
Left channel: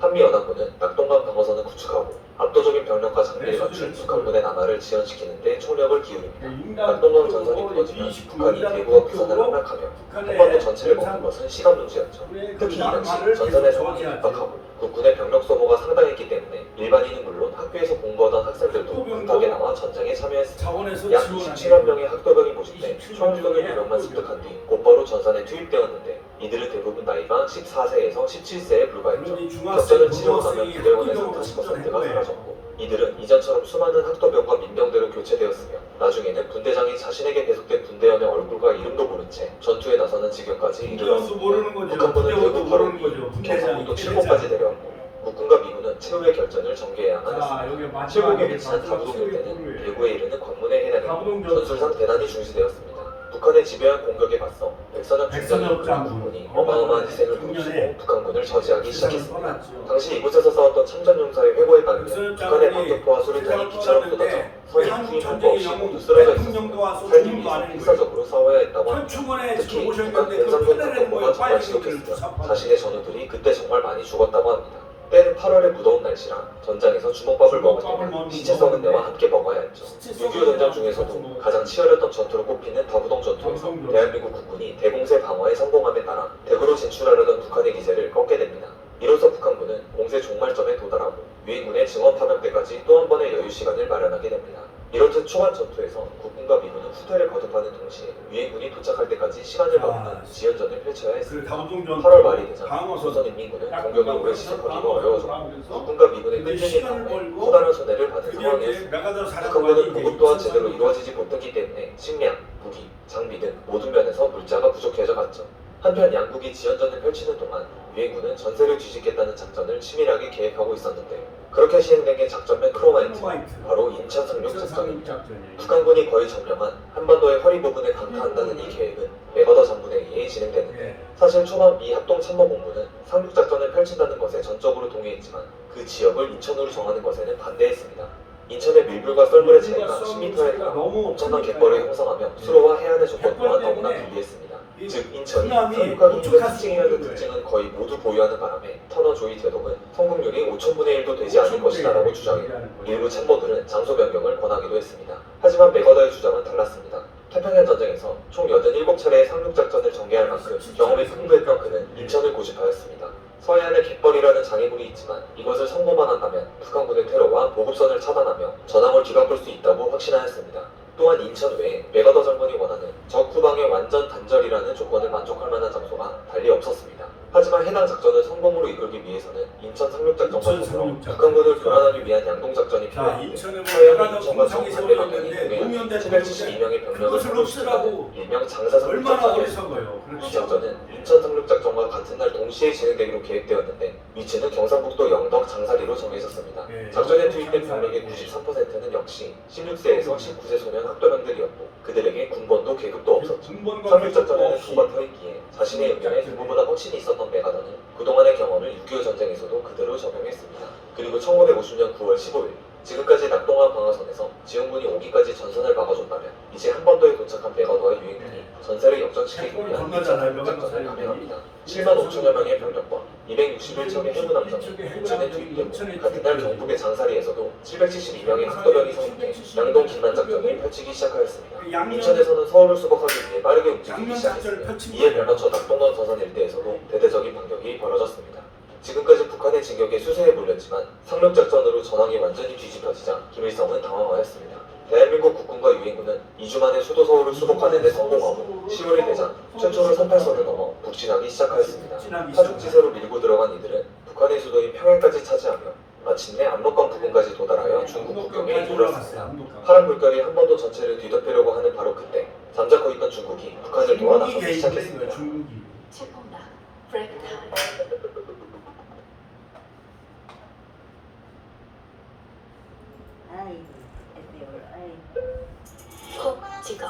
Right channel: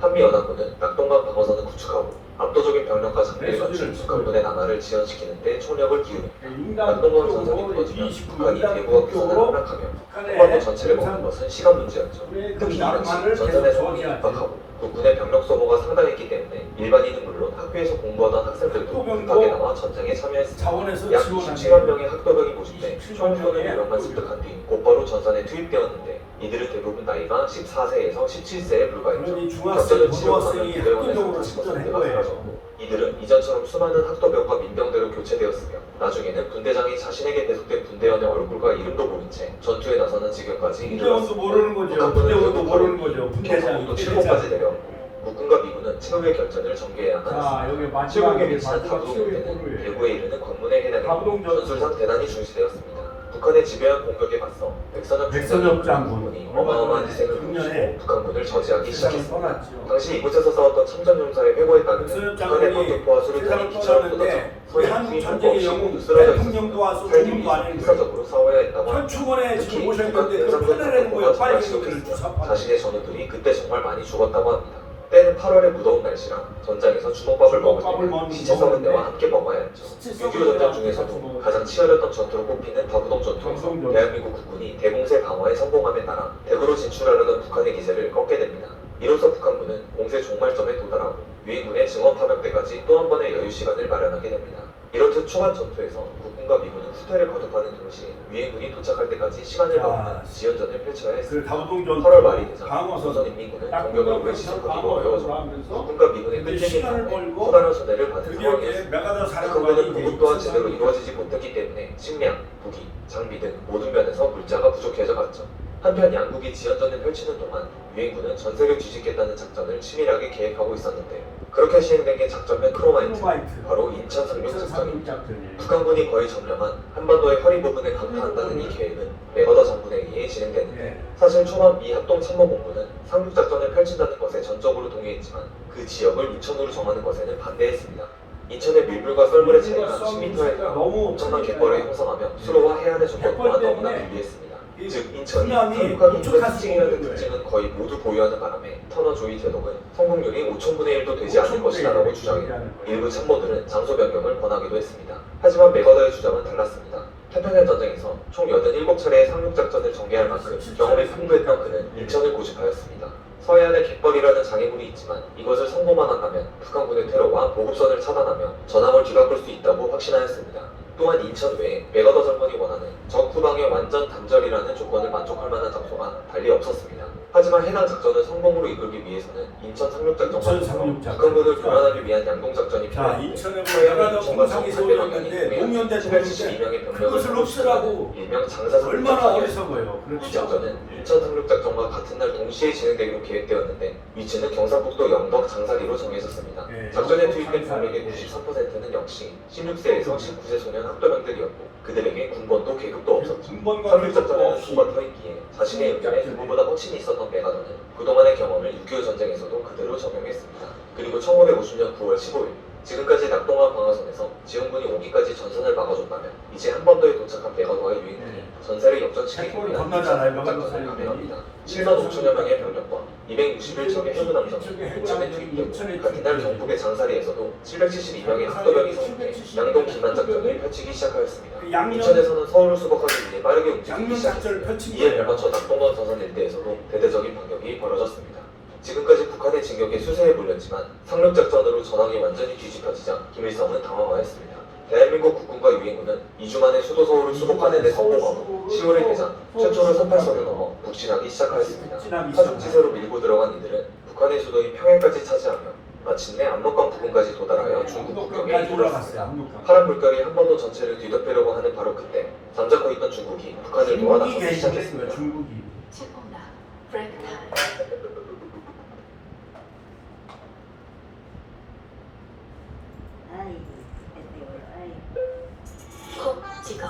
한미연합군은 낙동강 방어선을 구축하고 압도적인 병력과 장비를 갖춘 북한군의 남하를 지연시키는 데 총력을 기울입니다. 인당 낙동강 전선이 쪽으로 무너지면 29 북한이 인당 대구와 부산을 쪽으로 함락하며 북한의 한반도 전체를 먹는 것은 시간 문제였죠. 그 특히 이 남한을 당시 계속 전선의 상황이 저지하죠. 급박하고 국군의 병력 소모가 상당했기 때문에 일반인은 물론 학교에서 공부하던 학생들도 학도병도 급하게 나와 전쟁에 참여했습니다. 자원에서 약 지원하는 27만 명의 학도병이 모집돼 27만 총선을 명의 유령만 학도병. 습득한 뒤 곧바로 전선에 투입되었는데 이들은 대부분 나이가 14세에서 17세에 불과했죠. 그러니 중학생, 격전을 고등학생이 치르고 나면 학교병으로 부대원에서 출전한 상태가 거예요. 사라졌고 이들은 이전처럼 수많은 학도병과 민병대로 교체되었으며 나중에는 군대장이 자신에게 배속된 군대원의 얼굴과 이름도 모른 채 전투에 나서는 지경까지 군대원도 모르는 거죠. 군대원도 모르는 거죠. 군대장이 또 칠곡까지 내려왔고 국군과 미군은 최후의 결전을 전개해야만 자 했습니다. 여기 마지막에 최후의 배치는 마지막 최후의 감동인데는 골을 대구에 이르는 관문에 해당해 감동 전투. 전술상 대단히 중시되었습니다. 북한의 지배한 공격에 맞서 백선엽 장군 장군이 어마어마한 희생을 작년에 보이고 북한군을 저지하기 세상을 시작했습니다. 떠났죠. 당시 이곳에서 싸웠던 참전용사의 회고에 따르면 백선엽 북한의 장군이 방격포와 수류탄이 세상을 기차로 떠났는데 쏟아져 왜 한국 전쟁의 영웅 쓰러져 대통령도 와서 있었습니다. 조문도 안 하는 거예요. 필사적으로 싸워야 했다고 합니다. 현충원에 지금 특히 오셨는데 북한 그 파내라는 거예요. 정말 빨리 지독했으며 그 주사파. 자신의 전우들이 그때 정말 많이 죽었다고 합니다. 때는 8월의 무더운 날씨라 전장에서 주먹밥을 먹을 때는 시체 썩은 데와 함께 먹어야 했죠. 6.25 전쟁 중에서도 가장 치열했던 전투로 꼽히는 다부동 전투에서 대한민국 국군이 대공세 방어에 성공함에 따라 대구로 진출하려던 북한의 기세를 꺾게 됩니다. 이로써 북한군은 공세 종말점에 도달하고 유엔군의 증원 파병 때까지 또 한 번의 여유 시간을 마련하게 됩니다. 이렇듯 초반 전투에서 국군과 미군은 후퇴를 거듭하는 동시에 유엔군이 도착할 때까지 시간을 벌이는 지연전을 펼쳐야 했습니다. 그 다부동 전투 8월 말이 되자 방어선 조선인민군은 딱 공격을 끝나고 오래 시작하기가 방어선으로 어려워져 하면서 국군과 미군의 근데 끈질긴 시간을 싸움에 벌고 커다란 손해를 받은 그게 상황이었습니다. 이제 메가더 사령관이 북한군은 이제 보급 또한 제대로 이루어지지 못했기 때문에 식량, 무기, 장비 등 모든 면에서 물자가 부족해져 갔죠. 한편 양국이 지연전을 펼치는 동안 유엔군은 전세를 뒤집겠다는 작전을 치밀하게 계획하고 있었는데 그렇게 시행된 게 작전명 크로마이트, 바로 인천 상륙 작전입니다. 북한군이 거의 점령한 한반도의 허리 부분에 강타한다는 이 계획은 메거더 장군에 의해 진행되는데 사실 초반 미 합동참모본부는 상륙작전을 펼친다는 것에 전적으로 동의했지만 그 지역을 인천으로 정하는 것에는 반대했습니다. 인천의 밀물과 썰물의 차이가 10m에 달하 엄청난 갯벌을 형성하며 수로와 해안의 조건 또한 너무나 불리했습니다. 즉 인천이 상륙하기 힘든 특징이라는 특징은 거의 모두 보유하는 바람에 터너 조이 대독은 성공률이 5,000분의 1도 되지 않을 것이라고 주장했고 일부 참모들은 장소 변경을 권하기도 했습니다. 하지만 메거더의 주장은 달랐습니다. 태평양 전쟁에서 총 87차례의 상륙작전을 전개할 만큼 경험이 풍부했던 그는 인천을 고집하였습니다. 서해안에 갯벌이라는 장애물이 있지만 이것을 성공만 한다면 북한군의 테러와 보급선을 차단하며 전함을 뒤바꿀 수 있다고 확신하였습니다. 또한 인천 외에 메가더 장군이 원하는 적 후방의 완전 단절이라는 조건을 만족할 만한 장소가 달리 없었습니다. 하지만 해당 작전을 성공으로 이끌기 위해서는 인천 상륙작전과 북한군을 교란하기 위한 양동작전이 자, 필요합니다. 인천에 메가더 공상이 세워졌는데 노무현 대통령인데 그것을 없애라고 일명 장사상 얼마나 어리석어요. 이 그렇죠. 작전은 인천 상륙작전과 같은 날 동시에 진행되기로 계획되었는데 위치는 경상북도 영덕 장사리로 정해졌습니다. 네, 작전에 투입된 장사리. 병력의 93%는 역시 16세에서 19세 소년 학도병들이었고 그들에게 군번도 계급도 없었죠. 군번과 상륙작전에는 없이 수가 터있기에 자신의 의견에 누구보다 확신이 있었던 메가더는 그동안의 경험을 6.25 전쟁에서도 그대로 적용했습니다. 그리고 1950년 9월 15일 지금까지 낙동강 방어선에서 지원군이 오기까지 전선을 막아줬다면 이제 한반도에 도착한 메가더와 유엔군이 전세를 역전시키기 갯벌 위한 건너잖아요, 메가더 작전을 사령관이. 감행합니다. 7만 5천여 명의 병력과 261척의 해군 함정이 인천에 투입되고 같은 날 경북의 장사리에서도 772명의 학도병이 성립해 양동 김란 작전을 펼치기 시작하였습니다. 인천에서는 서울을 수복하기 위해 빠르게 움직이기 양면 작전을 시작했습니다. 펼친 이에 거예요. 발맞춰 낙동강 서선 일대에서도 대대적인 반격이 벌어졌습니다. 지금까지 북한의 진격에 수세에 몰렸지만 상륙작전으로 전황이 완전히 뒤집혀지자 김일성은 당황하였습니다. 대한민국 국군과 유엔군은 2주 만에 수도 서울을 수복하는 데 성공하고 10월이 되자 최초로 38선을 넘어 북진하기 시작하였습니다. 파죽지세로 밀고 들어간 이들은 북한의 수도인 평양까지 차지하며 마침내 압록강 부근까지 도달하여 중국 국경에 이르렀습니다. 파란 물결이 한반도 전체를 뒤덮으려고 하는 바로 그때 잠자코 있던 중국이 북한을 중국이 도와나서기 개입했어요. 시작했습니다. 중국이. 최고나 프레그타 콕 찍어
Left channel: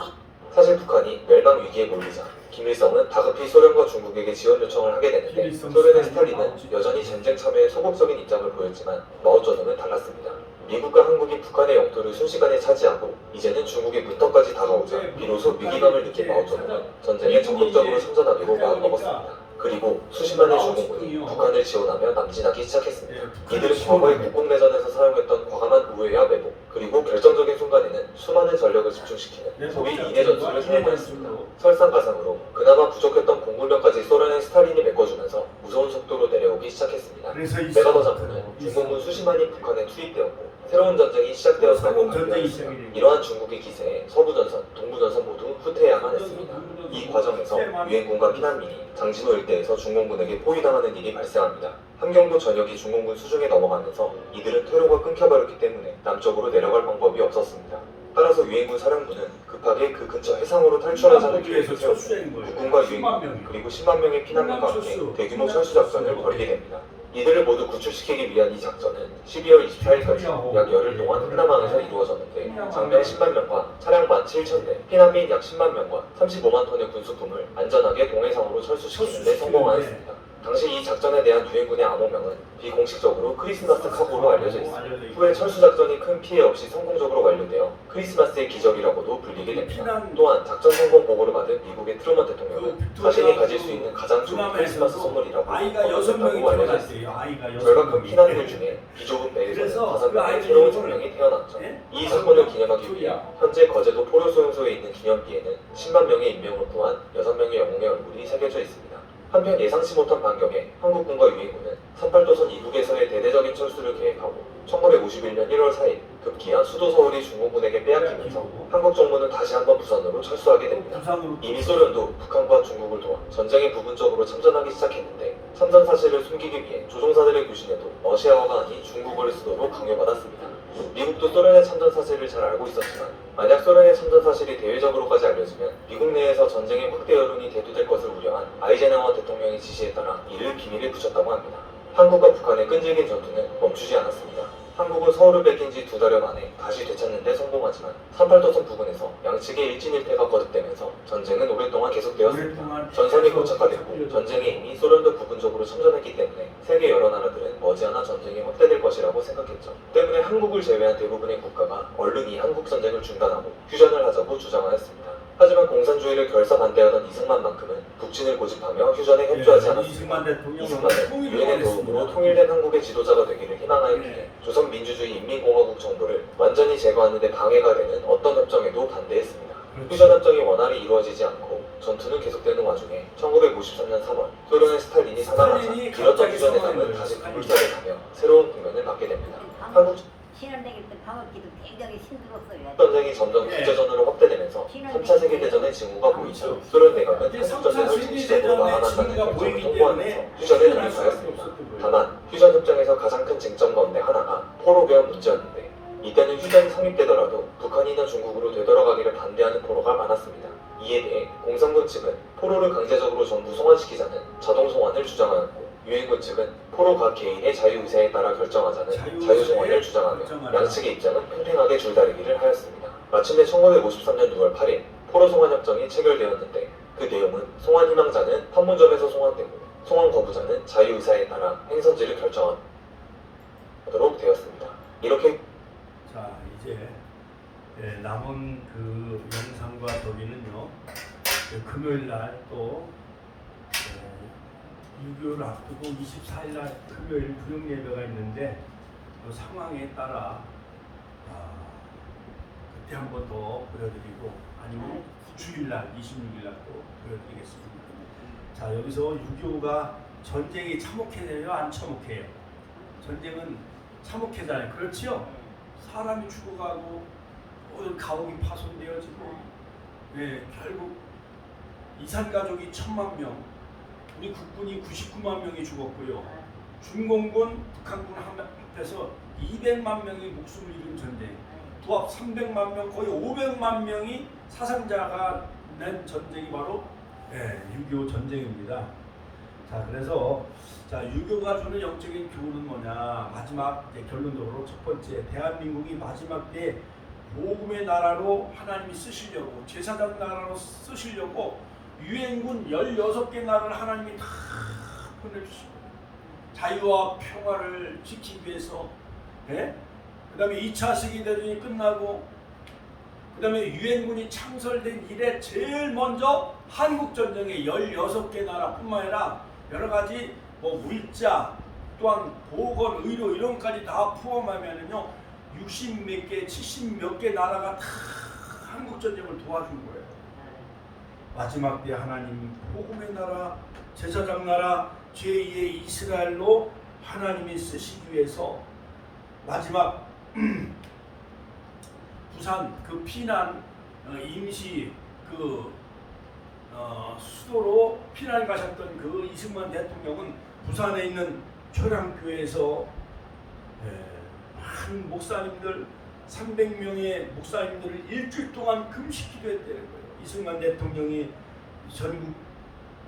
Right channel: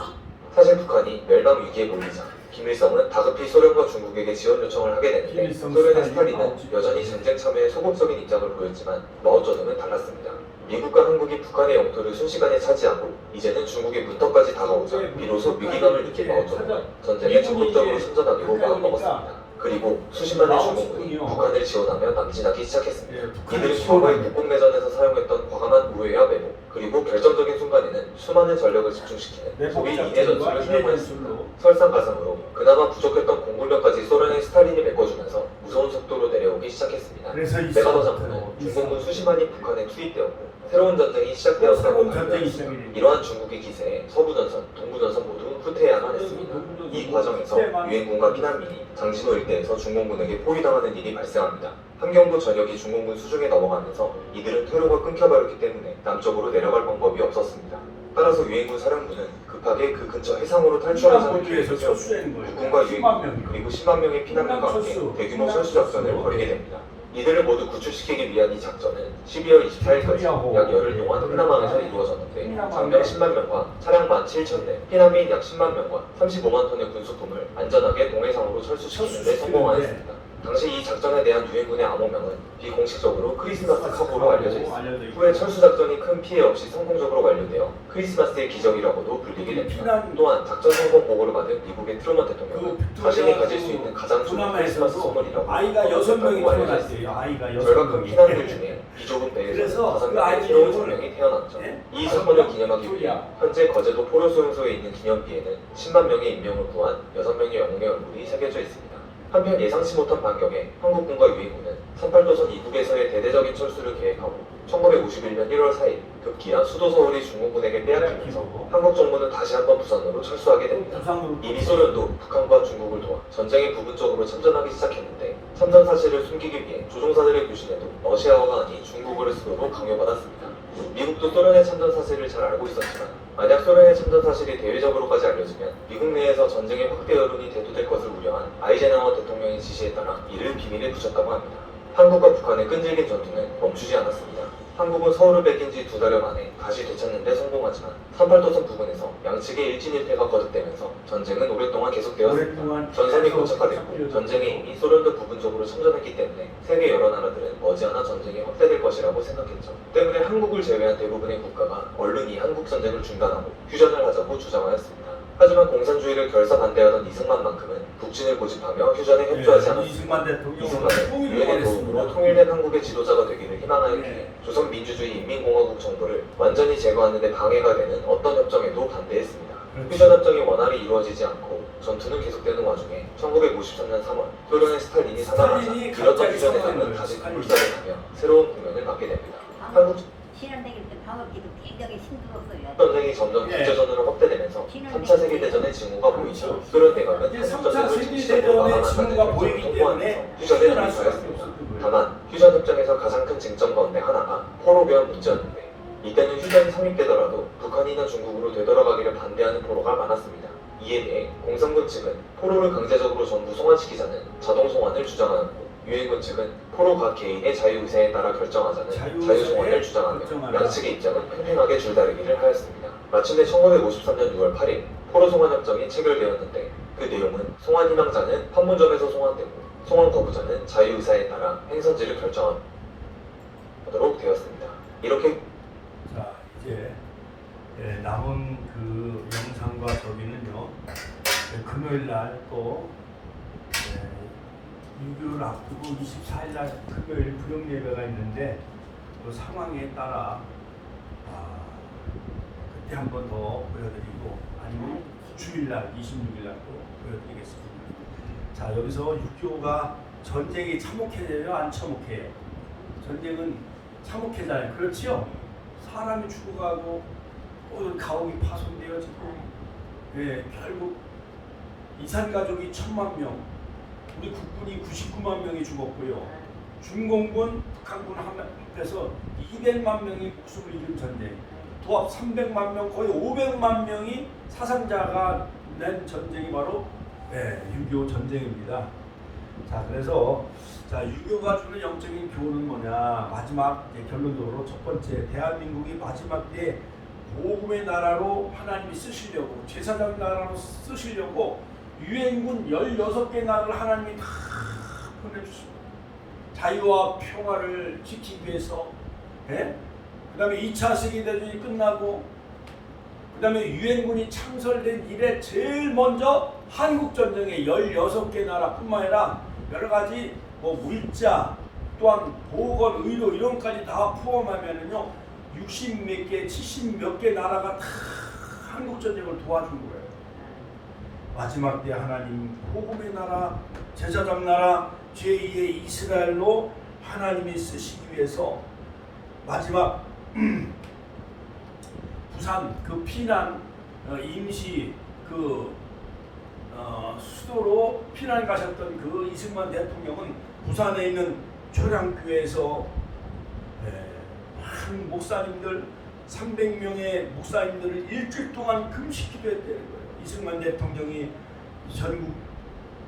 사실 북한이 멸망 위기에 몰리자 김일성은 다급히 소련과 중국에게 지원 요청을 하게 되는데 김일성 소련의 스탈린, 스탈린은 마오쩌둥. 여전히 전쟁 참여에 소극적인 입장을 보였지만 마오쩌둥은 달랐습니다. 미국과 한국이 북한의 영토를 순식간에 차지하고 이제는 중국의 문턱까지 다가오자 비로소 위기감을 느낀 마오쩌둥은 전쟁에 적극적으로 참전하기로 마음먹었습니다. 그리고 수십만의 중국군이 북한을 지원하며 남진하기 시작했습니다. 이들은 겨울의 국공내전에서 사용했던 과감한 우회와 매복 그리고 결정적인 순간에는 수많은 전력을 집중시키는 소위 인해 전술을 사용했습니다. 설상가상으로 그나마 부족했던 공군력까지 소련의 스탈린이 메꿔주면서 무서운 속도로 내려오기 시작했습니다. 그래서 메가더 장군은 중공군 수십만이 북한에 투입되었고 새로운 전쟁이 시작되었다고 새로운 전쟁이 발표하였습니다. 시작이 됩니다. 이러한 중국의 기세에 서부전선, 동부전선 모두 후퇴해야만 했습니다. 이 과정에서 유엔군과 피난민이 장진호 일대에서 중공군에게 포위당하는 일이 발생합니다. 함경도 전역이 중공군 수중에 넘어가면서 이들은 퇴로가 끊겨버렸기 때문에 남쪽으로 내려갈 방법이 없었습니다. 따라서 유엔군 사령부는 급하게 그 근처 해상으로 탈출하자는 호주에서 계획을 철수하는 거예요. 국군과 10만 유엔군 명이. 그리고 10만 명의 피난민과 함께 철수. 대규모 철수 작전을 벌이게 됩니다. 이들을 모두 구출시키기 위한 이 작전은 12월 24일까지 약 열흘 동안 흥남항에서 이루어졌는데 장병 10만 명과 차량 17,000대, 피난 민 약 10만 명과 35만 ton의 군수품을 안전하게 동해상으로 철수시키는 데 성공하였습니다. 당시 이 작전에 대한 유엔군의 암호명은 비공식적으로 크리스마스 카고로 알려져 있습니다. 후에 철수 작전이 큰 피해 없이 성공적으로 완료되어 크리스마스의 기적이라고도 불리게 됩니다. 또한 작전 성공 보고를 받은 미국의 트루먼 대통령은 자신이 가질 수 있는 가장 좋은 크리스마스 선물이라고 아이가 6명이 태어났어요. 아이가 결과 그 6명이. 피난민들 중에 비좁은 배에서 그래서 5명의 그 아이들이 새로운 이걸- 생명이 태어났죠. 예? 이 사건을 기념하기 위해 현재 거제도 포로수용소에 있는 기념비에는 10만 명의 인명을 구한 6명의 영웅의 얼굴이 새겨져 있습니다. 한편 예상치 못한 반격에 한국군과 유엔군은 38도선 이북에서의 대대적인 철수를 계획하고 1951년 1월 4일 급기야 수도 서울이 중국군에게 빼앗기면서 한국 정부는 다시 한번 부산으로 철수하게 됩니다. 부산으로 이미 소련도 북한과 중국을 도와 전쟁에 부분적으로 참전하기 시작했는데 참전 사실을 숨기기 위해 조종사들의 교신에도 러시아어가 아닌 중국어를 쓰도록 강요받았습니다. 미국도 소련의 참전 사실을 잘 알고 있었지만 만약 소련의 참전 사실이 대외적으로까지 알려지면 미국 내에서 전쟁의 확대 여론이 대두될 것을 우려한 아이젠하워 대통령의 지시에 따라 이를 비밀에 붙였다고 합니다. 한국과 북한의 끈질긴 전투는 멈추지 않았습니다. 한국은 서울을 뺏긴 지 2달여 만에 다시 되찾는 데 성공하지만 38도선 부근에서 양측의 일진일퇴가 거듭되면서 전쟁은 오랫동안 계속되었습니다. 오랫동안 전선이 고착화됐고 전쟁에 이미 소련도 부분적으로 참전했기 때문에 세계 여러 나라들은 머지않아 전쟁이 확대될 것이라고 생각했죠. 때문에 한국을 제외한 대부분의 국가가 얼른이 한국 전쟁을 중단하고 휴전을 하자고 주장하였습니다. 하지만 공산주의를 결사 반대하던 이승만만큼은 북진을 고집하며 휴전에 협조하지 않았습니다. 이승만 대통령은 이승만은 통일을 유엔의 도움으로 원했습니다. 통일된 한국의 지도자가 되기를 희망하였기에 네. 조선민주주의 인민공화국 정부를 완전히 제거하는 데 방해가 되는 어떤 협정에도 반대했습니다. 그렇죠. 휴전협정이 원활히 이루어지지 않고 전투는 계속되는 와중에 1953년 3월 소련의 스탈린이 사망하자 스탈린이 이런 갑자기 휴전의 사망한 삶은 거예요. 다시 스탈린이. 불살을 타며 새로운 국면을 맞게 됩니다. 한국 신혼대기 때 방학기도 굉장히 힘들었어요. 전쟁이 점점 예. 국제전으로 확대되면서 3차 세계대전의 징후가 보이죠. 소련 대각은 이제 한국 3차 전쟁을 세계대전의 직접적으로 징후가 막아내는 보이기 결정을 때문에 통보하면서 휴전을 휴전할 수밖에 합의하였습니다. 없었던 거예요. 다만 휴전 협정에서 가장 큰 쟁점 가운데 하나가 포로교환 문제였는데 이때는 휴전이 성립되더라도 북한이나 중국으로 되돌아가기를 반대하는 포로가 많았습니다. 이에 대해 공산군 측은 포로를 강제적으로 전부 송환시키자는 자동 송환을 주장하였고 유엔군 측은 포로 각 개인의 자유의사에 따라 결정하자는 자유송환을 주장하며 결정하라. 양측의 입장은 팽팽하게 줄다리기를 하였습니다. 마침내 1953년 6월 8일 포로 송환 협정이 체결되었는데 그 내용은 송환 희망자는 판문점에서 송환되고 송환 거부자는 자유의사에 따라 행선지를 결정하도록 되었습니다. 이렇게 자 이제 남은 그 영상과 저기는요 금요일 날또 6.25를 앞두고 24일 날 금요일 구령 예배가 있는데 그 상황에 따라 그때 한 번 더 보여드리고 아니면 주일날 26일 날 또 보여드리겠습니다. 자 여기서 6.25가 전쟁이 참혹해져요 안 참혹해요? 전쟁은 참혹해잖아요. 그렇지요? 사람이 죽어가고 가옥이 파손되어지고 결국 이산가족이 1000만 명 우리 국군이 99만 명이 죽었고요. 중공군, 북한군 합해서 200만 명의 목숨을 잃은 전쟁 도합 300만 명 거의 500만 명이 사상자가 낸 전쟁이 바로 6.25 전쟁입니다. 자 그래서 6.25가 주는 영적인 교훈은 뭐냐 마지막 결론적으로 첫 번째 대한민국이 마지막 때에 복음의 나라로 하나님이 쓰시려고 제사장 나라로 쓰시려고 유엔군 16개 나라를 하나님이 다 보내주시고 자유와 평화를 지키기 위해서 그 다음에 2차 세계대전이 끝나고 그 다음에 유엔군이 창설된 이래 제일 먼저 한국전쟁에 16개 나라뿐만 아니라 여러가지 물자 또한 보건, 의료 이런 것까지 다 포함하면은요 60 몇 개, 70 몇 개 나라가 다 한국전쟁을 도와준 거예요. 마지막 때 하나님 복음의 나라, 제사장 나라, 제2의 이스라엘로 하나님이 쓰시기 위해서 마지막 부산 그 피난 임시 그 수도로 피난 가셨던 그 이승만 대통령은 부산에 있는 초량교회에서 한 목사님들 300명의 목사님들을 일주일 동안 금식 기도했다는 거예요. 이승만 대통령이 전국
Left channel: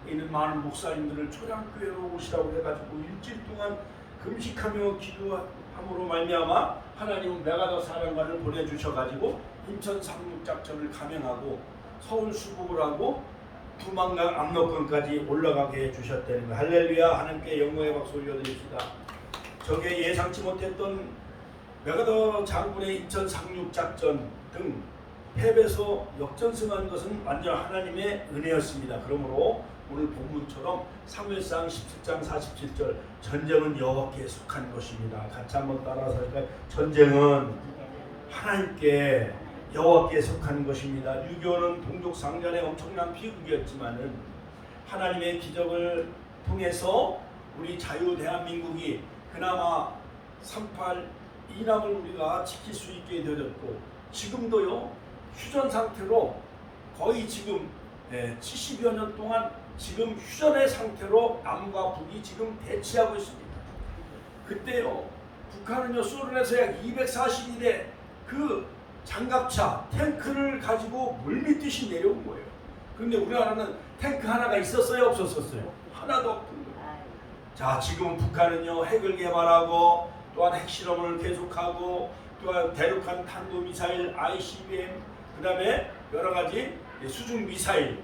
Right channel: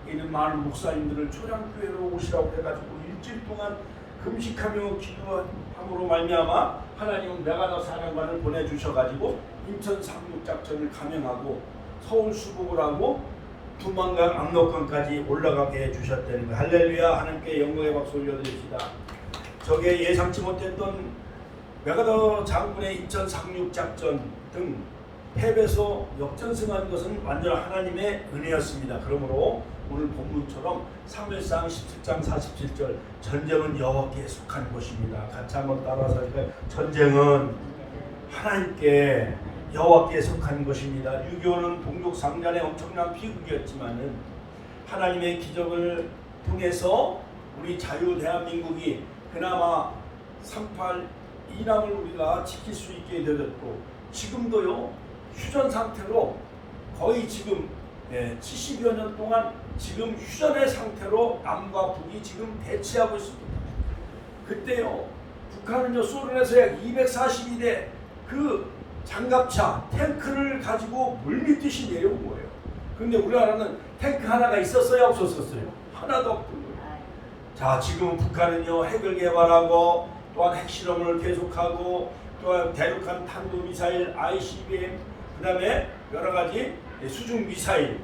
있는 많은 목사님들을 초장교회로 오시라고 해가지고 일주일 동안 금식하며 기도함으로 말미암아 하나님은 메가더 사령관을 보내주셔가지고 인천 상륙작전을 감행하고 서울 수복을 하고 두만강 압록강까지 올라가게 해주셨다는 거. 할렐루야. 하나님께 영광의 박수 올려드립시다. 저게 예상치 못했던 메가더 장군의 인천 상륙작전 등 패배에서 역전승한 것은 완전 하나님의 은혜였습니다. 그러므로 오늘 본문처럼 사무엘상 17장 47절 전쟁은 여호와께 속한 것입니다. 같이 한번 따라서 할까요? 전쟁은 하나님께 여호와께 속한 것입니다. 6.25는 동족 상잔의 엄청난 비극이었지만은 하나님의 기적을 통해서 우리 자유 대한민국이 그나마 3.8 이남을 우리가 지킬 수 있게 되었고 지금도요 휴전 상태로 거의 지금 70여 년 동안 지금 휴전의 상태로 남과 북이 지금 대치하고 있습니다. 그때요 북한은요 소련에서 약 240일에 그 장갑차 탱크를 가지고 물밀듯이 내려온 거예요. 그런데 우리나라는 탱크 하나가 있었어요 없었어요? 하나도 없던 거예요. 자 지금은 북한은요 핵을 개발하고 또한 핵실험을 계속하고 또한 대륙간 탄도미사일 ICBM 그 다음에 여러가지 수중 미사일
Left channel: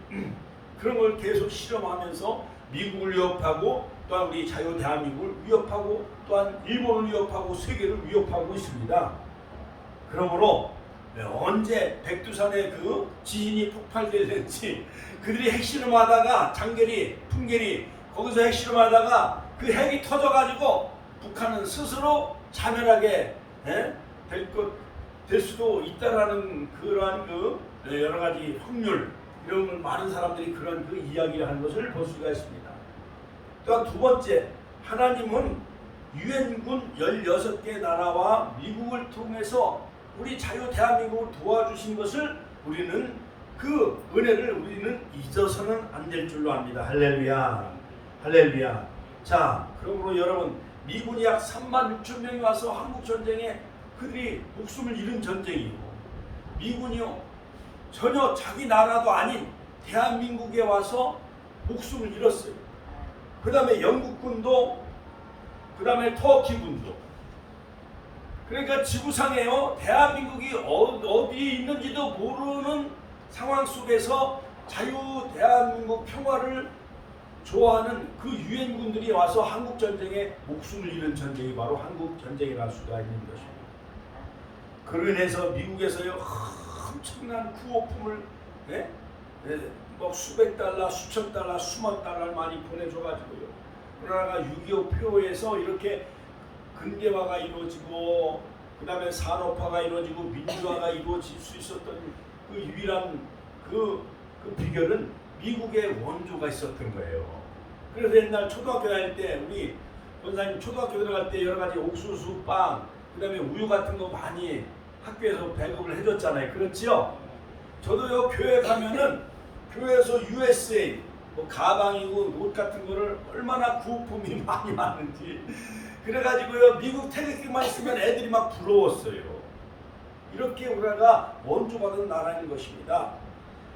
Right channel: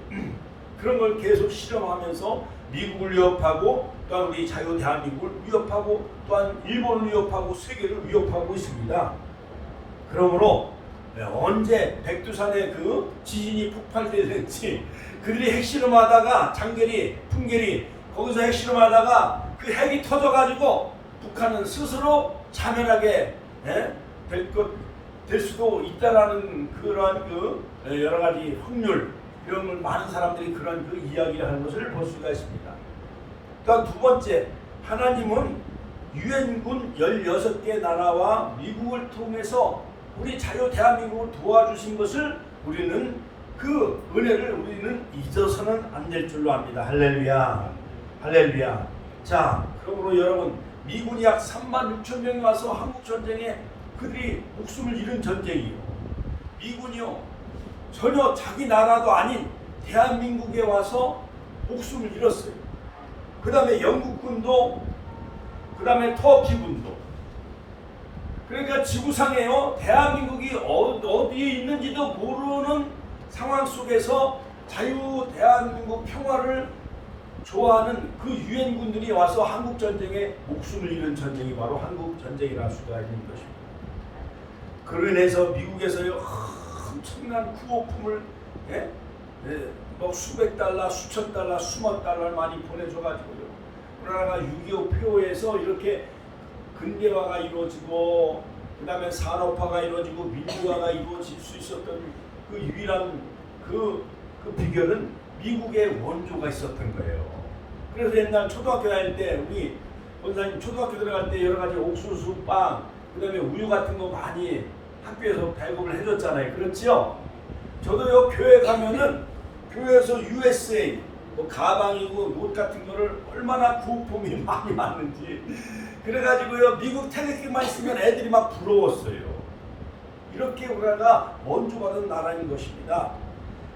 그런 걸 계속 실험하면서 미국을 위협하고 또한 우리 자유 대한민국을 위협하고 또한 일본을 위협하고 세계를 위협하고 있습니다. 그러므로 언제 백두산의 그 지진이 폭발될지 그들이 핵실험하다가 장계리, 풍계리 거기서 핵실험하다가 그 핵이 터져가지고 북한은 스스로 자멸하게 될 수도 있다라는 그러한 그 여러 가지 확률 이런 많은 사람들이 그런 그 이야기를 하는 것을 볼 수가 있습니다. 또한 두 번째 하나님은 유엔군 16개 나라와 미국을 통해서 우리 자유 대한민국을 도와주신 것을 우리는 그 은혜를 우리는 잊어서는 안 될 줄로 압니다. 할렐루야. 할렐루야. 자, 그러므로 여러분 미군이 약 3만 6천 명이 와서 한국 전쟁에 그들이 목숨을 잃은 전쟁이고 미군이요 전혀 자기 나라도 아닌 대한민국에 와서 목숨을 잃었어요. 그 다음에 영국군도 그 다음에 터키군도 그러니까 지구상에요 대한민국이 어디에 있는지도 모르는 상황 속에서 자유 대한민국 평화를 좋아하는 그 유엔군들이 와서 한국 전쟁에 목숨을 잃은 전쟁이 바로 한국 전쟁이라 수가 있는 것입니다. 그로 인해서 미국에서요 엄청난 구호품을 뭐 수백 달러, 수천 달러, 수만 달러를 많이 보내줘가지고요. 우리나라가 6.25 표에서 이렇게 근대화가 이루어지고 그 다음에 산업화가 이루어지고 민주화가 이루어질 수 있었던 그 유일한 그 비결은 미국의 원조가 있었던 거예요. 그래서 옛날 초등학교 다닐 때 우리 권사님 초등학교 들어갈 때 여러 가지 옥수수, 빵, 그 다음에 우유 같은 거 많이 학교에서 배급을 해줬잖아요. 그렇지요? 저도요 교회 가면은 교회에서 USA 뭐 가방이고 옷 같은 거를 얼마나 구호품이 많이 많은지 그래가지고요 미국 태극기만 있으면 애들이 막 부러웠어요. 이렇게 우리나라가 원조받은 나라인 것입니다.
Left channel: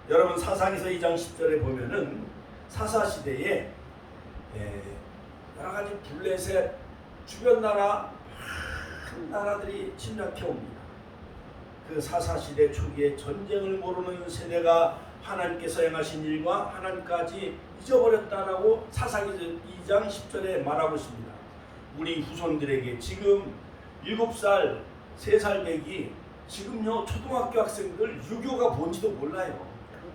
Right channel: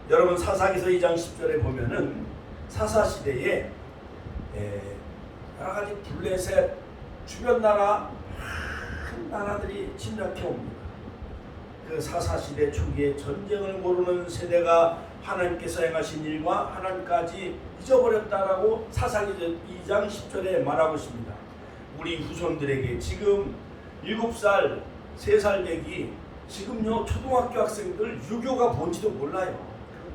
여러분 사사기서 2장 10절에 보면은 사사시대에 여러 가지 블레셋 주변 나라 큰 나라들이 침략해 옵니다. 그 사사시대 초기에 전쟁을 모르는 세대가 하나님께서 행하신 일과 하나님까지 잊어버렸다라고 사사기서 2장 10절에 말하고 있습니다. 우리 후손들에게 지금 7살, 3살 배기 지금요 초등학교 학생들 유교가 뭔지도 몰라요.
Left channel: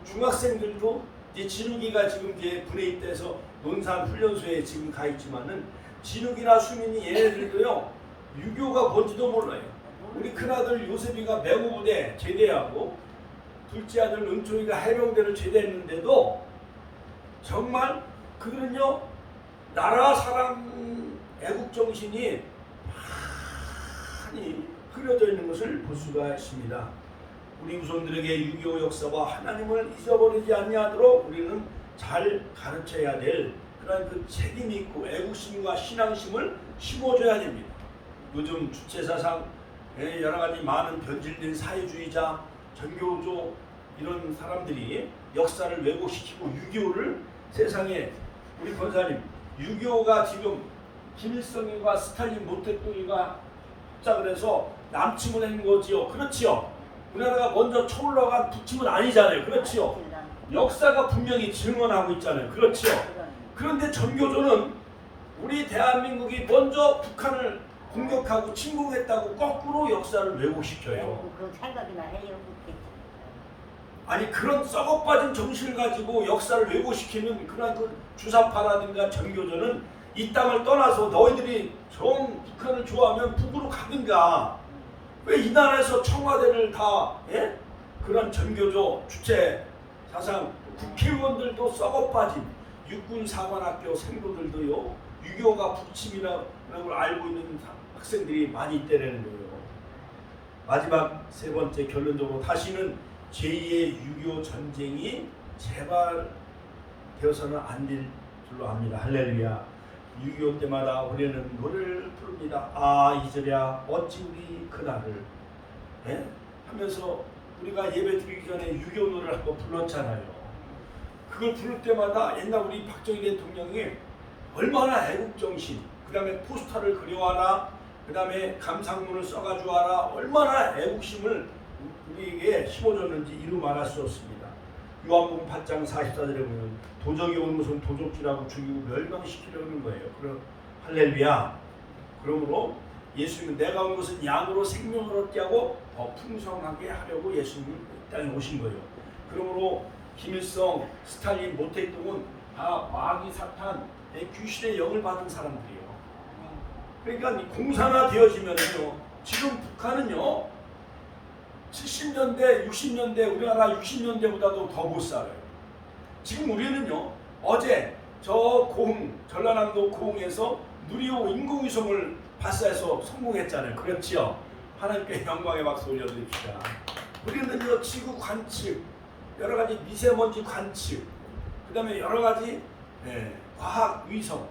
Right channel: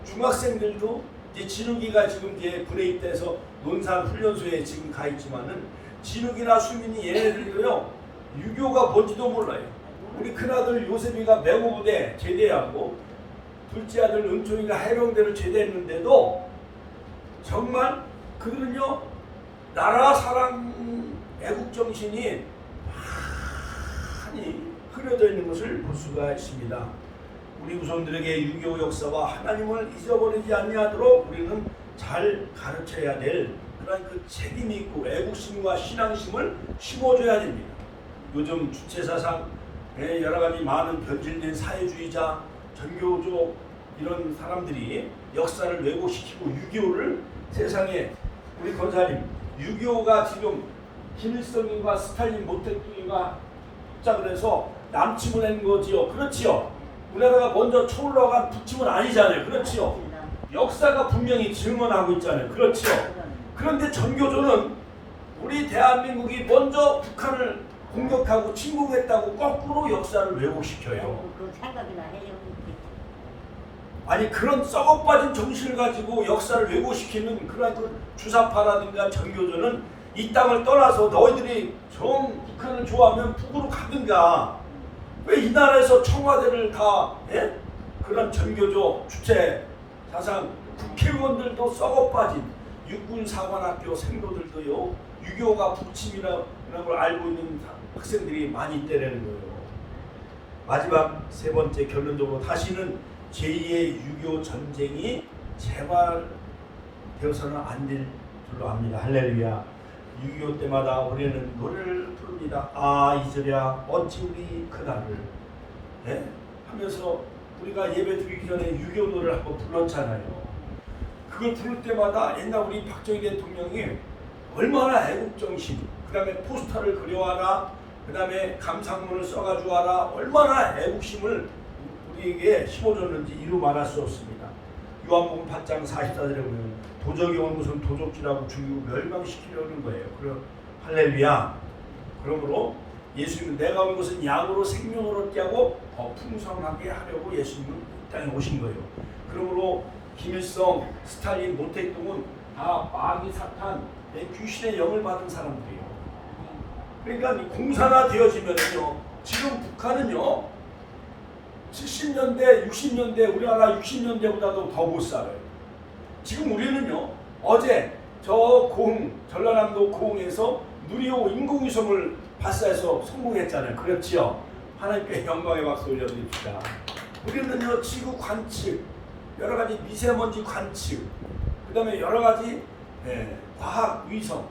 중학생들도 이제 진욱이가 지금 이제 군에 입대해서 논산 훈련소에 지금 가 있지만은 진욱이나 수민이 얘네들도요 유교가 뭔지도 몰라요. 우리 큰아들 요셉이가 맹호부대 제대하고 둘째 아들 은총이가 해병대를 제대했는데도 정말 그들은요 나라 사랑 애국 정신이 많이 흐려져 있는 것을 볼 수가 있습니다. 우리 후손들에게 6.25 역사와 하나님을 잊어버리지 아니하도록 우리는 잘 가르쳐야 될 그런 그 책임이 있고 애국심과 신앙심을 심어줘야 됩니다. 요즘 주체사상 여러 가지 많은 변질된 사회주의자, 전교조 이런 사람들이 역사를 왜곡시키고 6.25를 세상에 우리 권사님 6.25가 지금 김일성이가 스탈린 모택동이가 합작을 해서 남침을 한 거지요. 그렇지요. 우리나라가 먼저 쳐올라간 북침은 아니잖아요. 그렇지요. 역사가 분명히 증언하고 있잖아요. 그렇지요. 그런데 전교조는 우리 대한민국이 먼저 북한을 공격하고 침공했다고 거꾸로 역사를 왜곡시켜요. 그 생각이나 해요. 아니 그런 썩어빠진 정신을 가지고 역사를 왜곡시키는 그런 그 주사파라든가 전교조는 이 땅을 떠나서 너희들이 정 북한을 좋아하면 북으로 가든가 왜 이 나라에서 청와대를 다 예? 그런 전교조 주체 사상 국회의원들도 썩어빠진 육군사관학교 생도들도요 6.25가 북침이라는 걸 알고 있는 학생들이 많이 있다는 거예요. 마지막 세 번째 결론적으로 다시는 제2의 6.25 전쟁이 재발되어서는 안 될 줄로 압니다. 할렐루야. 6.25 때마다 우리는 노래를 부릅니다. 아 잊으랴 어찌 우리 그날을 예? 하면서 우리가 예배 드리기 전에 6.25 노래를 한번 불렀잖아요. 그걸 부를 때마다 옛날 우리 박정희 대통령이 얼마나 애국정신 그 다음에 포스터를 그려와라 그 다음에 감상문을 써가지고 와라 얼마나 애국심을 우리에게 심어줬는지 이루 말할 수 없습니다. 요한복음 8장 44절에 보면 도적이 온 것은 도적질하고 죽이고 멸망시키려는 거예요. 그럼 할렐루야. 그러므로 예수님은 내가 온 것은 양으로 생명을 얻게 하고 더 풍성하게 하려고 예수님은 이 땅에 오신 거예요. 그러므로 김일성, 스탈린, 모택동은 다 마귀 사탄, 귀신의 영을 받은 사람들이에요. 그러니까 이 공산화되어지면요 지금 북한은요 70년대, 60년대 우리나라 60년대보다도 더 못 살아요. 지금 우리는요 어제 저 전라남도 고흥에서 누리호 인공위성을 발사해서 성공했잖아요. 그렇지요? 하나님께 영광의 박수 올려드립시다. 우리는요 지구 관측, 여러 가지 미세먼지 관측, 그 다음에 여러 가지 과학 위성,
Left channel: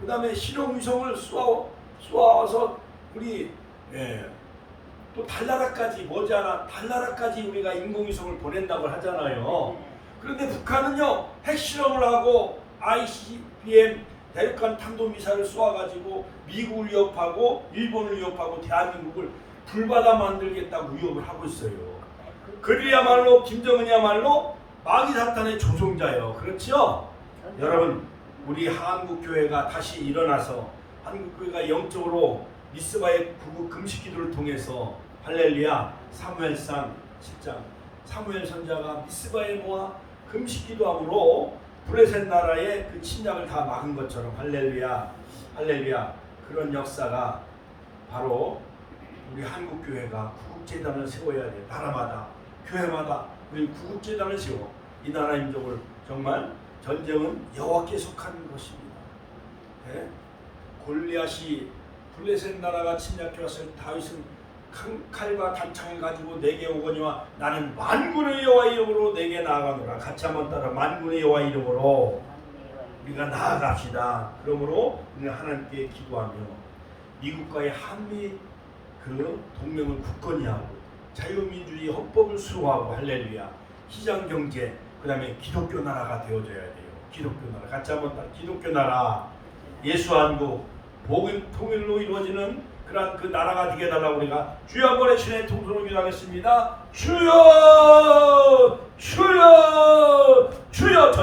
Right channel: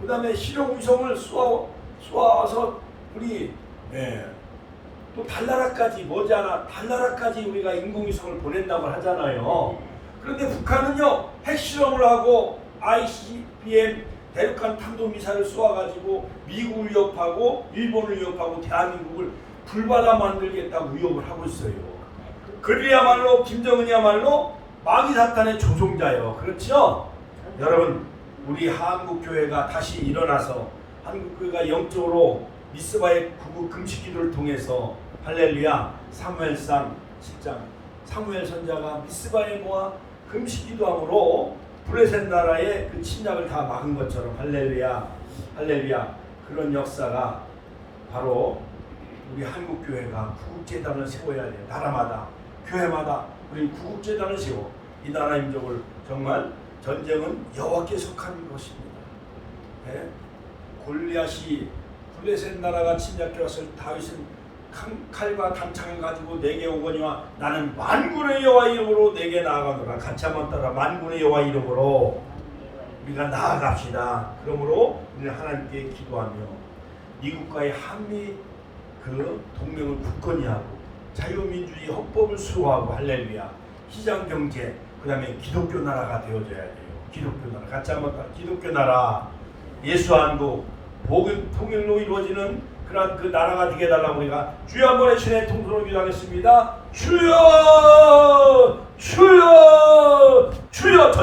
그 다음에 실용 위성을 쏘아서 우리 또 달나라까지 머지않아 달나라까지 우리가 인공위성을 보낸다고 하잖아요. 그런데 북한은요 핵실험을 하고 ICBM 대륙간 탄도미사일을 쏘아가지고 미국을 위협하고 일본을 위협하고 대한민국을 불바다 만들겠다고 위협을 하고 있어요. 그리야말로 김정은이야말로 마귀 사탄의 조종자예요. 그렇죠? 여러분 우리 한국교회가 다시 일어나서 한국교회가 영적으로 미스바의 구국 금식기도를 통해서 할렐루야 사무엘상 7장 사무엘 선자가 미스바에 모아 금식기도함으로 블레셋 나라의 그 침략을 다 막은 것처럼 할렐루야 할렐루야 그런 역사가 바로 우리 한국교회가 구국재단을 세워야 돼. 나라마다 교회마다 우리 구국재단을 세워 이 나라 민족을 정말 전쟁은 여호와께 속한 것입니다. 네? 골리앗이 블레셋 나라가 침략해 왔을 다윗은 칼과 단창을 가지고 내게 오거니와 나는 만군의 여호와 이름으로 내게 나아가노라. 같이 한번 따라 만군의 여호와 이름으로 우리가 나아갑시다. 그러므로 우리는 하나님께 기도하며 미국과의 한미 그 동맹을 굳건히 하고 자유민주주의 헌법을 수호하고 할렐루야 시장경제 그 다음에 기독교 나라가 되어져야 돼요. 기독교 나라 같이 한번 따라 기독교 나라 예수 안도 복음 통일로 이루어지는 그러한 그 나라가 되게 해달라고 우리가 주여 한번 외치네 통수로 기도하겠습니다. 주여 주여 주여